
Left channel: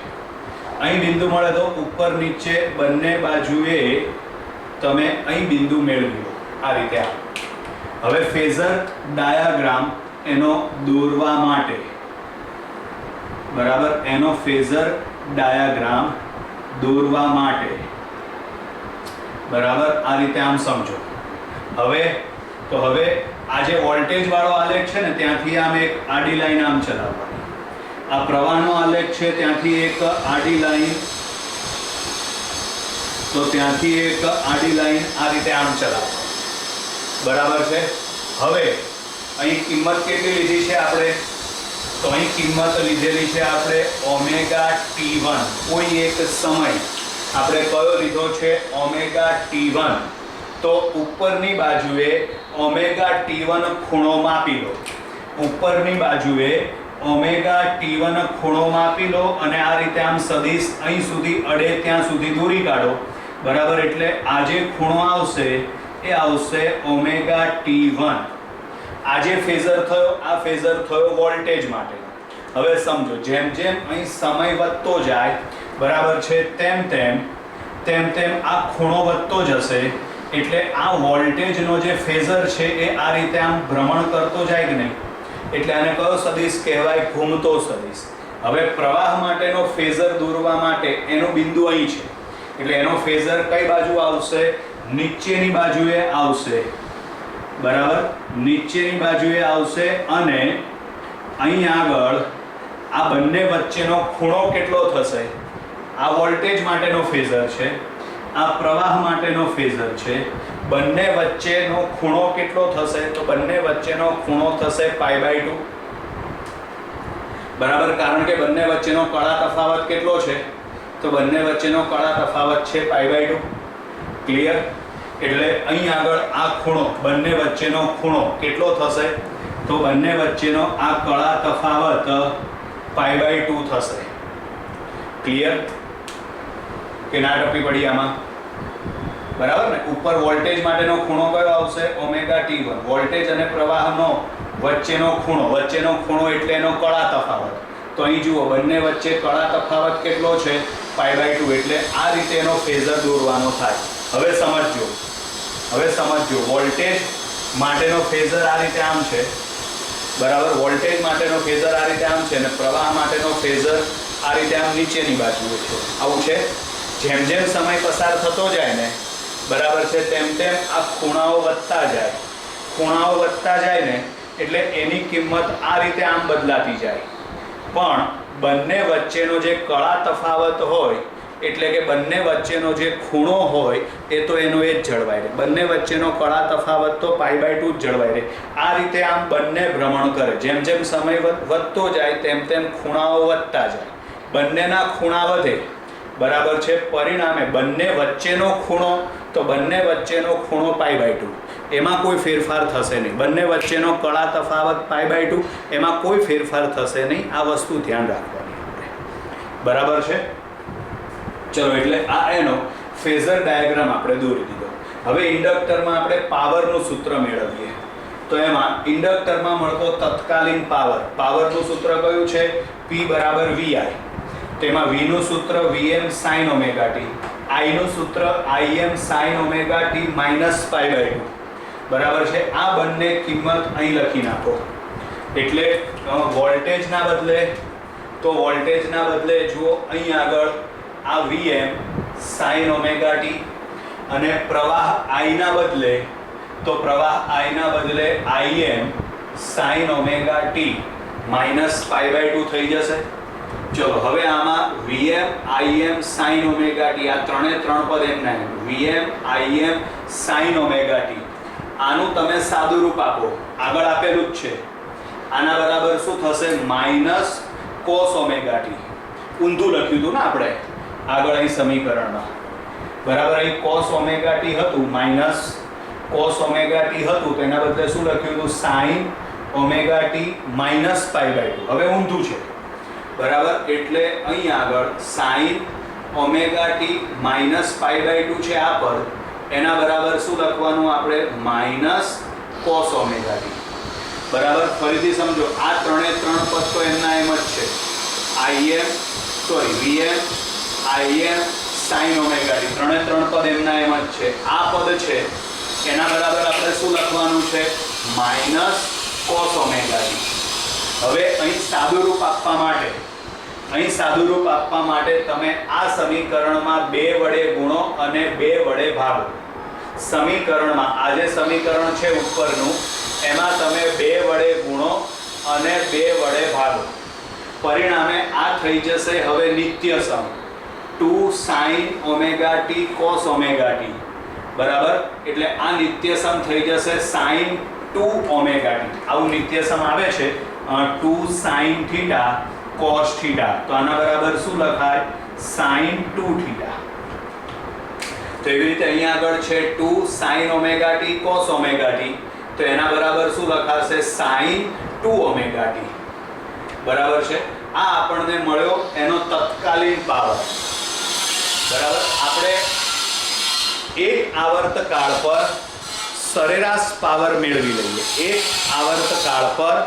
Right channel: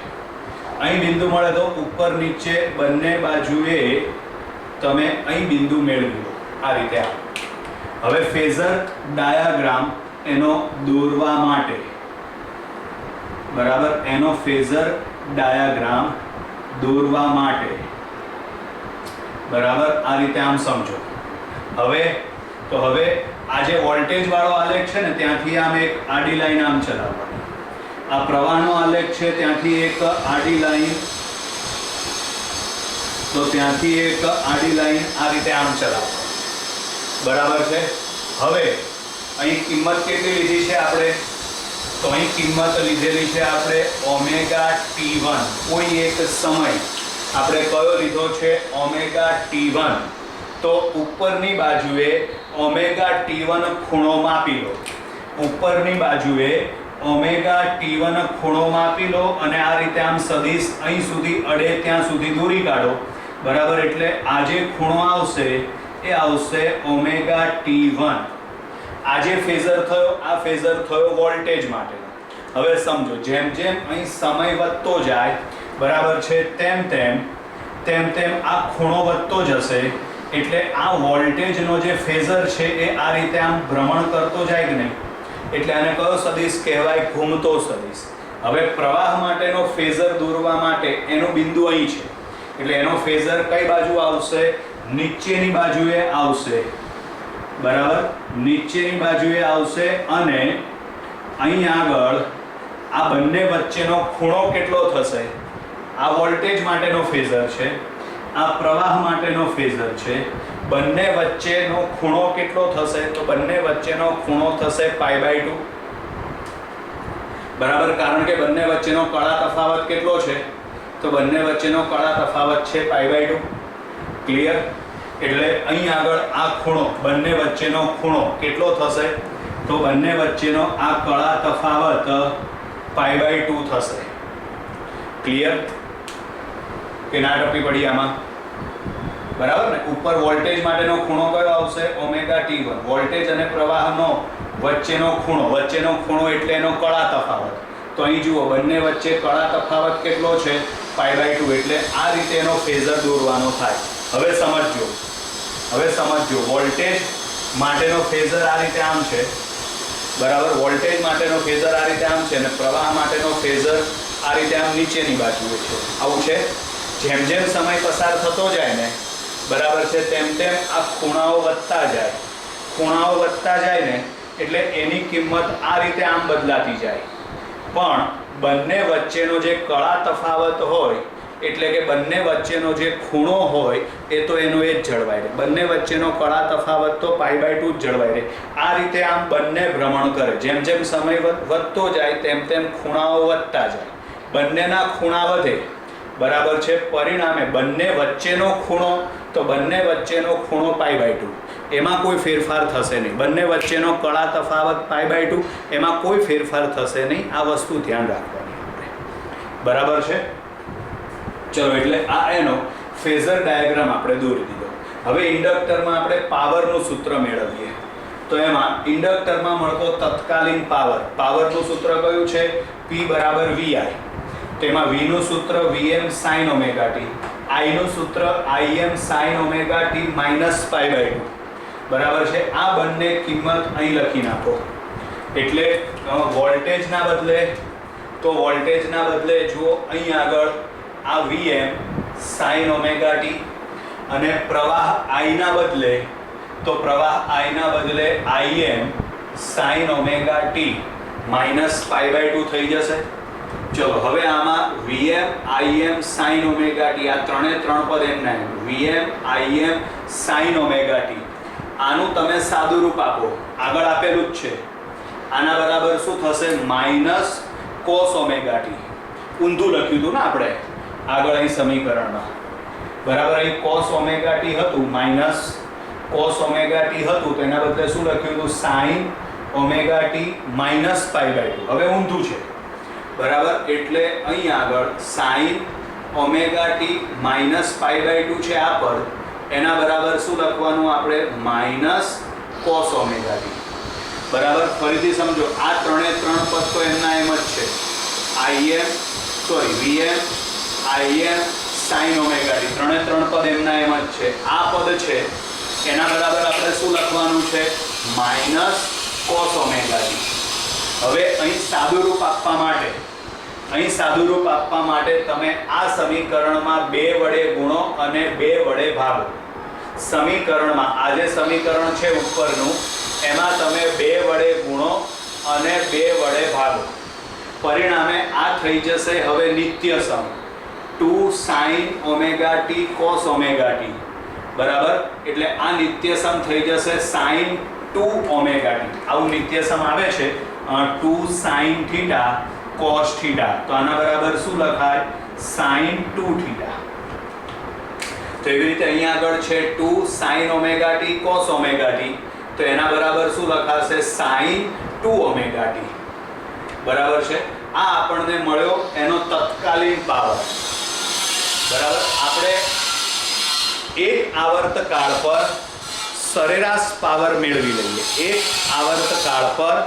અહીં બિંદુ મળે તો ઉપર નીચે બંને બાજુએ તમે અહીં બિંદુ મેળવી લો આ રીતે. હવે ફેઝર ડાયાગ્રામ એનો દોરવા માટે, બરાબર, એનો ફેઝર ડાયાગ્રામ દોરવા માટે, બરાબર, આ રીતે આમ સમજો. હવે આ જે વોલ્ટેજ વાળો આલેખ છે ને ત્યાંથી આમ એક આડી લાઈન આમ ચલાવવાની. આ પ્રવાહનો આલેખ છે ત્યાંથી એક આડી લાઈન, તો ત્યાંથી એક આડી લાઈન આ રીતે આમ ચલાવવાની. બરાબર છે. હવે અહીં કિંમત કેટલી લીધી છે આપણે? તો અહીં કિંમત લીધેલી છે આપણે ઓમેગા t1. કોઈ એક સમય આપણે કયો લીધો છે? Omega t1. તો ઉપરની બાજુએ ઓમેગા t1 ખૂણો માપી લો. ઉપરની બાજુએ ઓમેગા t1 ખૂણો માપી લો અને આ રીતે આમ સદિશ અહીં સુધી અડે ત્યાં સુધી દોરી કાઢો. બરાબર, એટલે આ જે ખૂણો આવશે એ આવશે ઓમેગા t1. આ જે ફેઝર થયો, આ ફેઝર થયો વોલ્ટેજ માટેનો. હવે સમજો, જેમ જેમ અહીં સમય વધતો જાય, બરાબર છે, તેમ તેમ આ ખૂણો વધતો જશે. એટલે આ વોલ્ટેજનો જે ફેઝર છે એ આ રીતે આમ ભ્રમણ કરતો જાય કે નહીં, એટલે આને કયો સદિશ કહેવાય? ઘૂમતો સદિશ. હવે પ્રવાહ માટેનો ફેઝર દોરવા માટે એનું બિંદુ અહીં છે. એટલે એનો ફેઝર કઈ બાજુ આવશે? નીચેની બાજુએ આવશે, બરાબર, નીચેની બાજુએ આવશે. અને અહીં આગળ આ બંને વચ્ચેનો ખૂણો કેટલો થશે? આ વોલ્ટેજ માટેનો ફેઝર છે, આ પ્રવાહ માટેનો ફેઝર છે. બંને વચ્ચેનો ખૂણો કેટલો થશે? તો બંને વચ્ચેનો ખૂણો થશે π/2, બરાબર. કારણ કે બંને વચ્ચેનો કળા તફાવત કેટલો છે? તો બંને વચ્ચેનો કળા તફાવત છે π/2. ક્લિયર? એટલે અહીં આગળ આ ખૂણો, બંને વચ્ચેનો ખૂણો કેટલો થશે? તો બંને વચ્ચેનો આ કળા તફાવત π/2 થશે. ક્લિયર કે ના ટપી પડી આમાં? બરાબર ને. ઉપર વોલ્ટેજ માટેનો ખૂણો કયો આવશે? ωt1. વોલ્ટેજ અને પ્રવાહનો વચ્ચેનો ખૂણો એટલે એનો કળા તફાવત. તો અહીં જુઓ, બંને વચ્ચે કળા તફાવત કેટલો છે? π/2. એટલે આ રીતે એનો ફેઝર દોરવાનો થાય. હવે સમજજો, વોલ્ટેજ માટેનો ફેઝર આ રીતે આમ છે, બરાબર. વોલ્ટેજ માટેનો ફેઝર આ રીતે આમ છે અને પ્રવાહ માટેનો ફેઝર આ રીતે આમ નીચેની બાજુએ છે. આવું છે. જેમ જેમ સમય પસાર થતો જાય ને, બરાબર છે, તેમ તેમ આ ખૂણાઓ વધતા જાય ને, એટલે એની કિંમત આ રીતે આમ બદલાતી જાય. પણ બંને વચ્ચેનો જે કળા તફાવત હોય, એટલે કે બંને વચ્ચેનો જે ખૂણો હોય, એ તો એનો એ જ જળવાય રહે. બંને વચ્ચેનો કળા તફાવત તો π/2 જ જળવાય રહે. આ રીતે આમ બંને ભ્રમણ કરે. જેમ જેમ સમય વધતો જાય તેમ તેમ ખૂણાઓ વધતા જાય. બંનેના ખૂણા વધે, બરાબર છે. પરિણામે બંને વચ્ચેનો ખૂણો π/2. એમાં કોઈ ફેરફાર થશે નહીં. બંને વચ્ચેનો કળા તફાવત π/2, એમાં કોઈ ફેરફાર થશે નહીં. આ વસ્તુ ધ્યાન રાખવાની આપણે, બરાબર છે. ચલો, એટલે આ એનો ફેઝર ડાયાગ્રામ આપણે દોરી દીધો. હવે ઇન્ડક્ટરમાં આપણે પાવરનું સૂત્ર મેળવીએ. તો એમાં ઇન્ડક્ટરમાં મળતો તત્કાલીન પાવરનું સૂત્ર કયું છે? P = VI. તેમાં V નું સૂત્ર Vm sin ωt, I નું સૂત્ર Im sin ωt - π/2, બરાબર છે. આ બંને કિંમત અહીં લખી નાખો. એટલે વોલ્ટેજના બદલે જુઓ અહીં આગળ આ Vm sin ωt અને પ્રવાહ I ના બદલે Im sin ωt - π/2 થઈ જશે. ચલો, હવે આમાં Vm Im sin ωt, આ ત્રણ પદ એમના એમ. Vm Im sin ωt, આનું તમે સાદું રૂપ આપો. આગળ આપેલું જ છે. આના બરાબર શું થશે? -cos ωt. ઊંધું લખ્યું હતું ને આપણે આગળ અહીં સમીકરણમાં, બરાબર. અહીં cos ωt હતું, -cos ωt હતું, તો એના બદલે શું લખ્યું હતું? sin ωt - π/2. હવે ઊંધું છે, બરાબર. એટલે અહીં આગળ sin ωt - π/2 છે આ પદ, એના બરાબર શું લખવાનું આપણે? -cos ωt. બરાબર. ફરીથી સમજો, આ ત્રણે ત્રણ પદ તો એમના એમ જ છે. Vm Im sin ωt, ત્રણે ત્રણ પદ એમના એમ જ છે. આ પદ છે એના બરાબર આપણે શું લખવાનું છે? -cos ωt. હવે અહીં સાદું રૂપ આપવા માટે તમે આ સમીકરણમાં 2 વડે ગુણો અને 2 વડે ભાગો. સમીકરણમાં આ જે સમીકરણ છે ઉપરનું, એમાં તમે 2 વડે ગુણો અને 2 વડે ભાગો. પરિણામે આ થઈ જશે હવે નિત્ય સમ 2 sin ωt cos ωt, બરાબર. એટલે આ નિત્ય સમ થઈ જશે sin 2 ωt. આવું નિત્ય સમ આવે છે 2 sin θ cos θ. તો આના બરાબર શું લખાય? sin 2 θ. તો એવી રીતે અહીંયા આગળ છે 2 sin ωt cos ωt, તો એના બરાબર શું લખાશે? sin 2 ωt, બરાબર છે. આ આપણને મળ્યો એનો તત્કાલીન પાવર, બરાબર. આપણે એક આવર્તકાળ પર સરેરાશ પાવર મેળવી લઈએ. એક આવર્તકાળ પર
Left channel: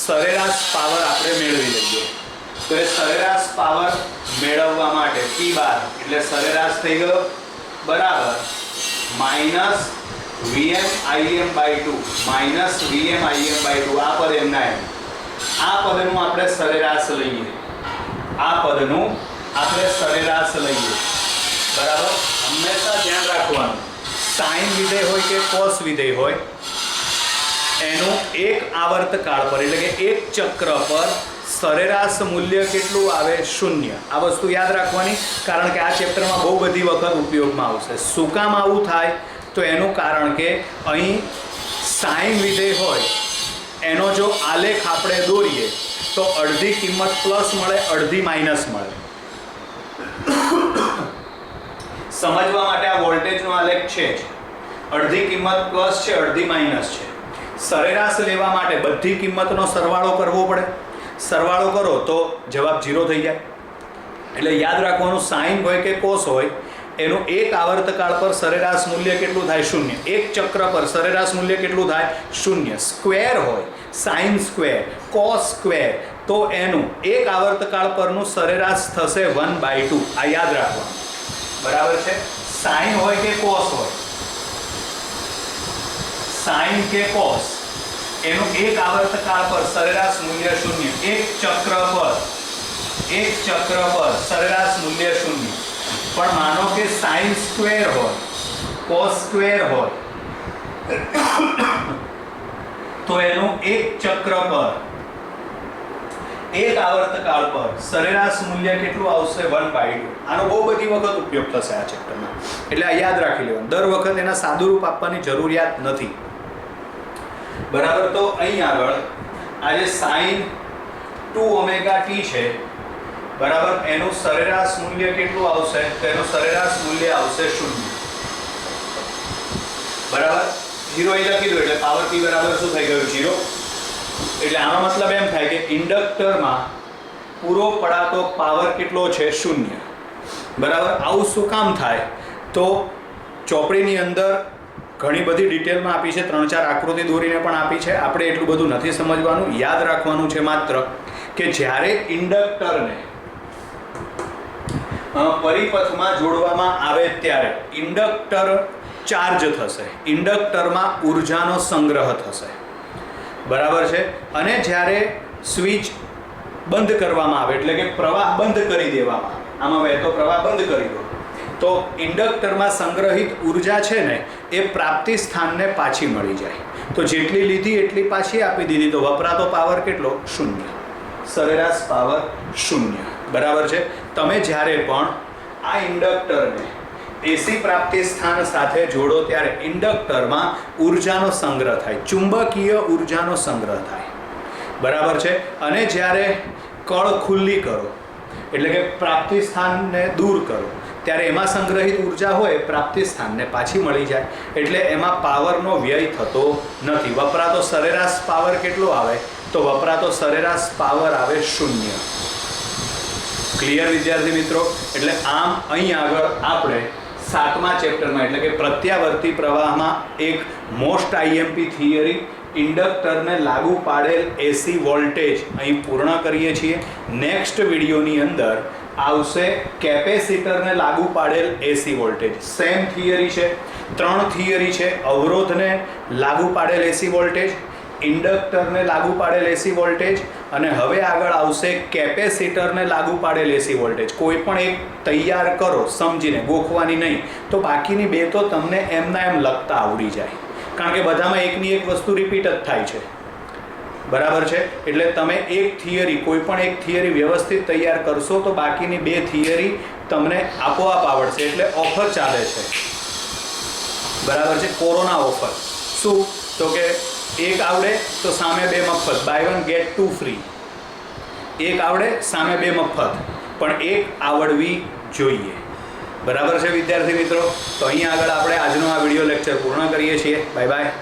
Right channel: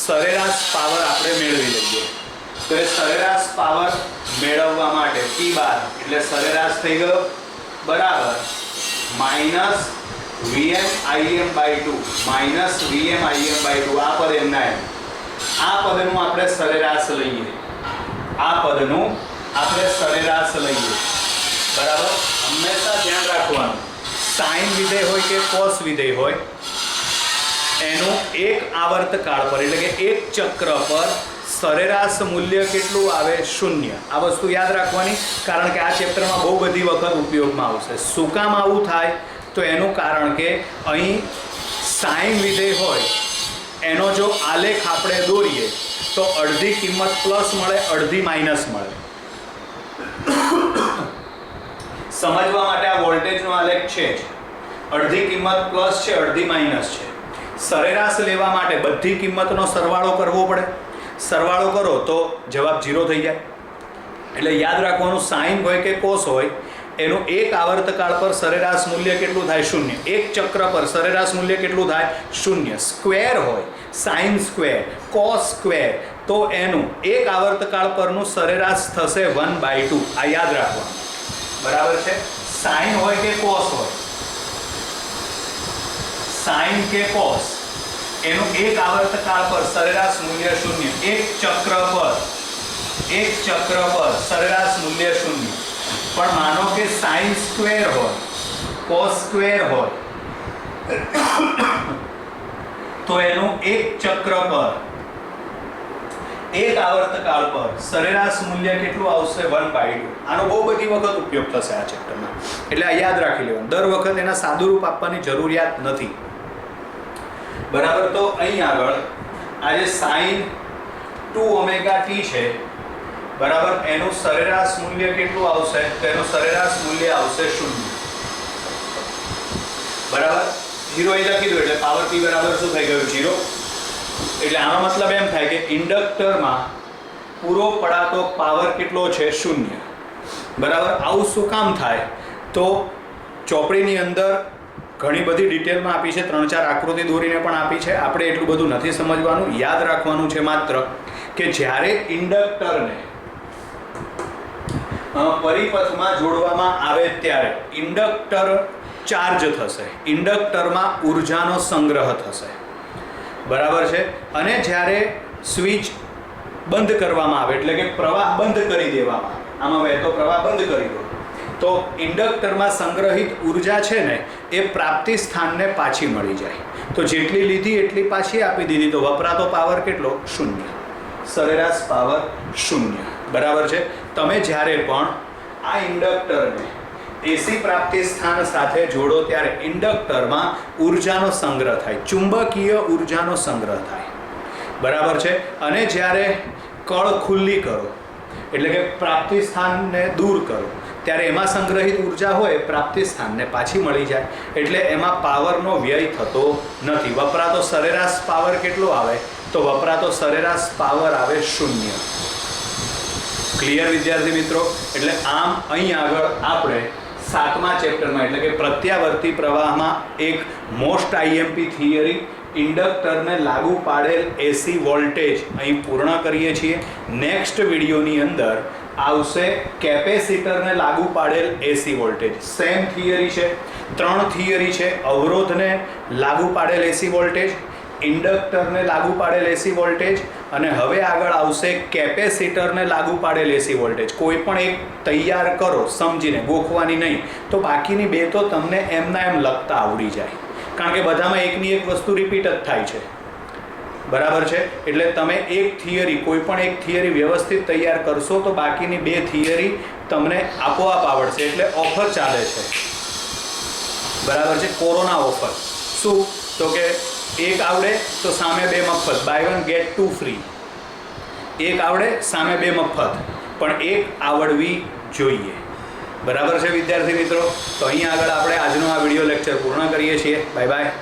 સરેરાશ પાવર આપણે મેળવી લઈએ. તો એ સરેરાશ પાવર મેળવવા માટે P બાર એટલે સરેરાશ થઈ ગયો, બરાબર, -Vm/Im/2 આ પદ એમના એમ. આ પદનું આપણે સરેરાશ લઈએ. બરાબર. હંમેશા ધ્યાન રાખવાનું, સાઇન વિધેય હોય કે કોસ વિધેય હોય, એનું એક આવર્તકાળ પર એટલે કે એક ચક્ર પર સરેરાશ મૂલ્ય કેટલું આવે? 0. આ વસ્તુ યાદ રાખવાની, કારણ કે આ ચેપ્ટરમાં બહુ બધી વખત ઉપયોગમાં આવશે. શું કામ આવું થાય? તો એનું કારણ કે અહીં સાઇન વિધેય હોય એનો જો આલેખ આપણે દોરીએ તો અડધી કિંમત પ્લસ મળે, અડધી માઇનસ મળે. સમજવા માટે આ વોલ્ટેજનો આલેખ છે જ, અડધી કિંમત પ્લસ છે, અડધી માઇનસ છે. સરેરાશ લેવા માટે બધી કિંમતનો સરવાળો કરવો પડે. સરવાળો કરો તો જવાબ 0 થઈ જાય. એટલે યાદ રાખવાનું, સાઇન હોય કે કોસ હોય એનું એક આવર્તકાળ પર સરેરાશ મૂલ્ય કેટલું થાય? 0. એક ચક્ર પર સરેરાશ મૂલ્ય કેટલું થાય? 0. સ્ક્વેર હોય, સાઇન સ્ક્વેર, કોસ સ્ક્વેર, તો એનું એક આવર્તકાળ પરનું સરેરાશ થશે 1/2. આ યાદ રાખવાનું. બરાબર છે. સાઇન હોય કે કોસ હોય, સાઇન કે કોસ, એનું એક આવર્તકાળ પર સરેરાશ મૂલ્ય 0. એક ચક્ર પર સરેરાશ મૂલ્ય 0. પણ માનો કે સાઇન સ્ક્વેર હોય, કોસ સ્ક્વેર હોય, તો એનું એક ચક્ર પર એક આવર્તકાળ પર સરેરાશ મૂલ્ય કેટલું આવશે? 1/2. આનો બહુ બધી વખત ઉપયોગ થશે આ ચેપ્ટરમાં, એટલે આ યાદ રાખી લેવાનું. દર વખત એના સાદુરૂપ આપવાની જરૂરિયાત નથી. બરાબર. તો અહીં આગળ આ જે સાઇન 2ωt છે, બરાબર, એનું સરેરાશ મૂલ્ય કેટલું આવશે? તો એનું સરેરાશ મૂલ્ય આવશે 0. બરાબર. 0 અહીં લખી દો એટલે પાવર p બરાબર શું થઈ ગયું? 0. એટલે આનો મતલબ એમ થાય કે ઇન્ડક્ટરમાં પૂરો પડાતો પાવર કેટલો છે? 0. બરાબર. આવું શું કામ થાય? તો ચોપડીની અંદર ઘણી બધી ડિટેલમાં આપી છે, 3-4 આકૃતિ દોરીને પણ આપી છે. આપણે એટલું બધું નથી સમજવાનું. યાદ રાખવાનું છે માત્ર કે જ્યારે ઇન્ડક્ટરને પરિપથમાં જોડવામાં આવે ત્યારે ઇન્ડક્ટર ચાર્જ થશે, ઇન્ડક્ટરમાં ઉર્જાનો સંગ્રહ થશે. બરાબર છે. અને જ્યારે સ્વિચ બંધ કરવામાં આવે એટલે કે પ્રવાહ બંધ કરી દેવામાં આવે, આમાં વહેતો પ્રવાહ બંધ કરી દો, તો ઇન્ડક્ટરમાં સંગ્રહિત ઉર્જા છે ને એ પ્રાપ્તિ સ્થાનને પાછી મળી જાય. તો જેટલી લીધી એટલી પાછી આપી દીધી, તો વપરાતો પાવર કેટલો? 0. સરેરાશ પાવર 0. બરાબર છે. તમે જ્યારે પણ આ ઇન્ડક્ટરને એસી પ્રાપ્તિ સ્થાન સાથે જોડો ત્યારે ઇન્ડક્ટરમાં ઉર્જાનો સંગ્રહ થાય, ચુંબકીય ઉર્જાનો સંગ્રહ થાય. બરાબર છે. અને જ્યારે કળ ખુલ્લી કરો એટલે કે પ્રાપ્તિ સ્થાનને દૂર કરો ત્યારે એમાં સંગ્રહિત ઉર્જા હોય પ્રાપ્તિ સ્થાનને પાછી મળી જાય. એટલે એમાં પાવરનો વ્યય થતો નથી. વપરાતો સરેરાશ પાવર કેટલો આવે? તો વપરાતો સરેરાશ પાવર આવે 0. ક્લિયર વિદ્યાર્થી મિત્રો? એટલે આમ અહીં આગળ આપણે 7મા ચેપ્ટરમાં એટલે કે પ્રત્યાવર્તી પ્રવાહમાં એક મોસ્ટ આઈએમપી થિયરી, ઇન્ડક્ટરને લાગુ પાડેલ એસી વોલ્ટેજ અહીં પૂર્ણ કરીએ છીએ. નેક્સ્ટ વિડીયોની અંદર આવશે કેપેસિટરને લાગુ પાડેલ એસી વોલ્ટેજ. સેમ થિયરી છે, 3 થિયરી છે. અવરોધને લાગુ પાડેલ એસી વોલ્ટેજ, ઇન્ડક્ટરને લાગુ પાડેલ એસી વોલ્ટેજ, અને હવે આગળ આવશે કેપેસિટરને લાગુ પાડેલ એસી વોલ્ટેજ. કોઈ પણ એક તૈયાર કરો સમજીને, ગોખવાની નહીં, તો બાકીની 2 તો તમને એમના એમ લખતા આવડી જાય, કારણ કે બધામાં એકની એક વસ્તુ રિપીટ જ થાય છે. બરાબર છે. એટલે તમે એક થિયરી, કોઈ પણ એક થિયરી વ્યવસ્થિત તૈયાર કરશો તો બાકીની 2 થિયરી તમને આપોઆપ આવડશે. એટલે ઓફર ચાલે છે. બરાબર છે. Corona offer. શું? તો કે એક આવડે તો સામે 2 મફત, બાય 1 ગેટ 2 ફ્રી. એક આવડે સામે 2 મફત, પણ એક આવડવી જોઈએ. બરાબર છે વિદ્યાર્થી મિત્રો? તો અહીં આગળ આપણે આજનો આ વિડીયો લેક્ચર પૂર્ણ કરીએ છીએ. Bye bye.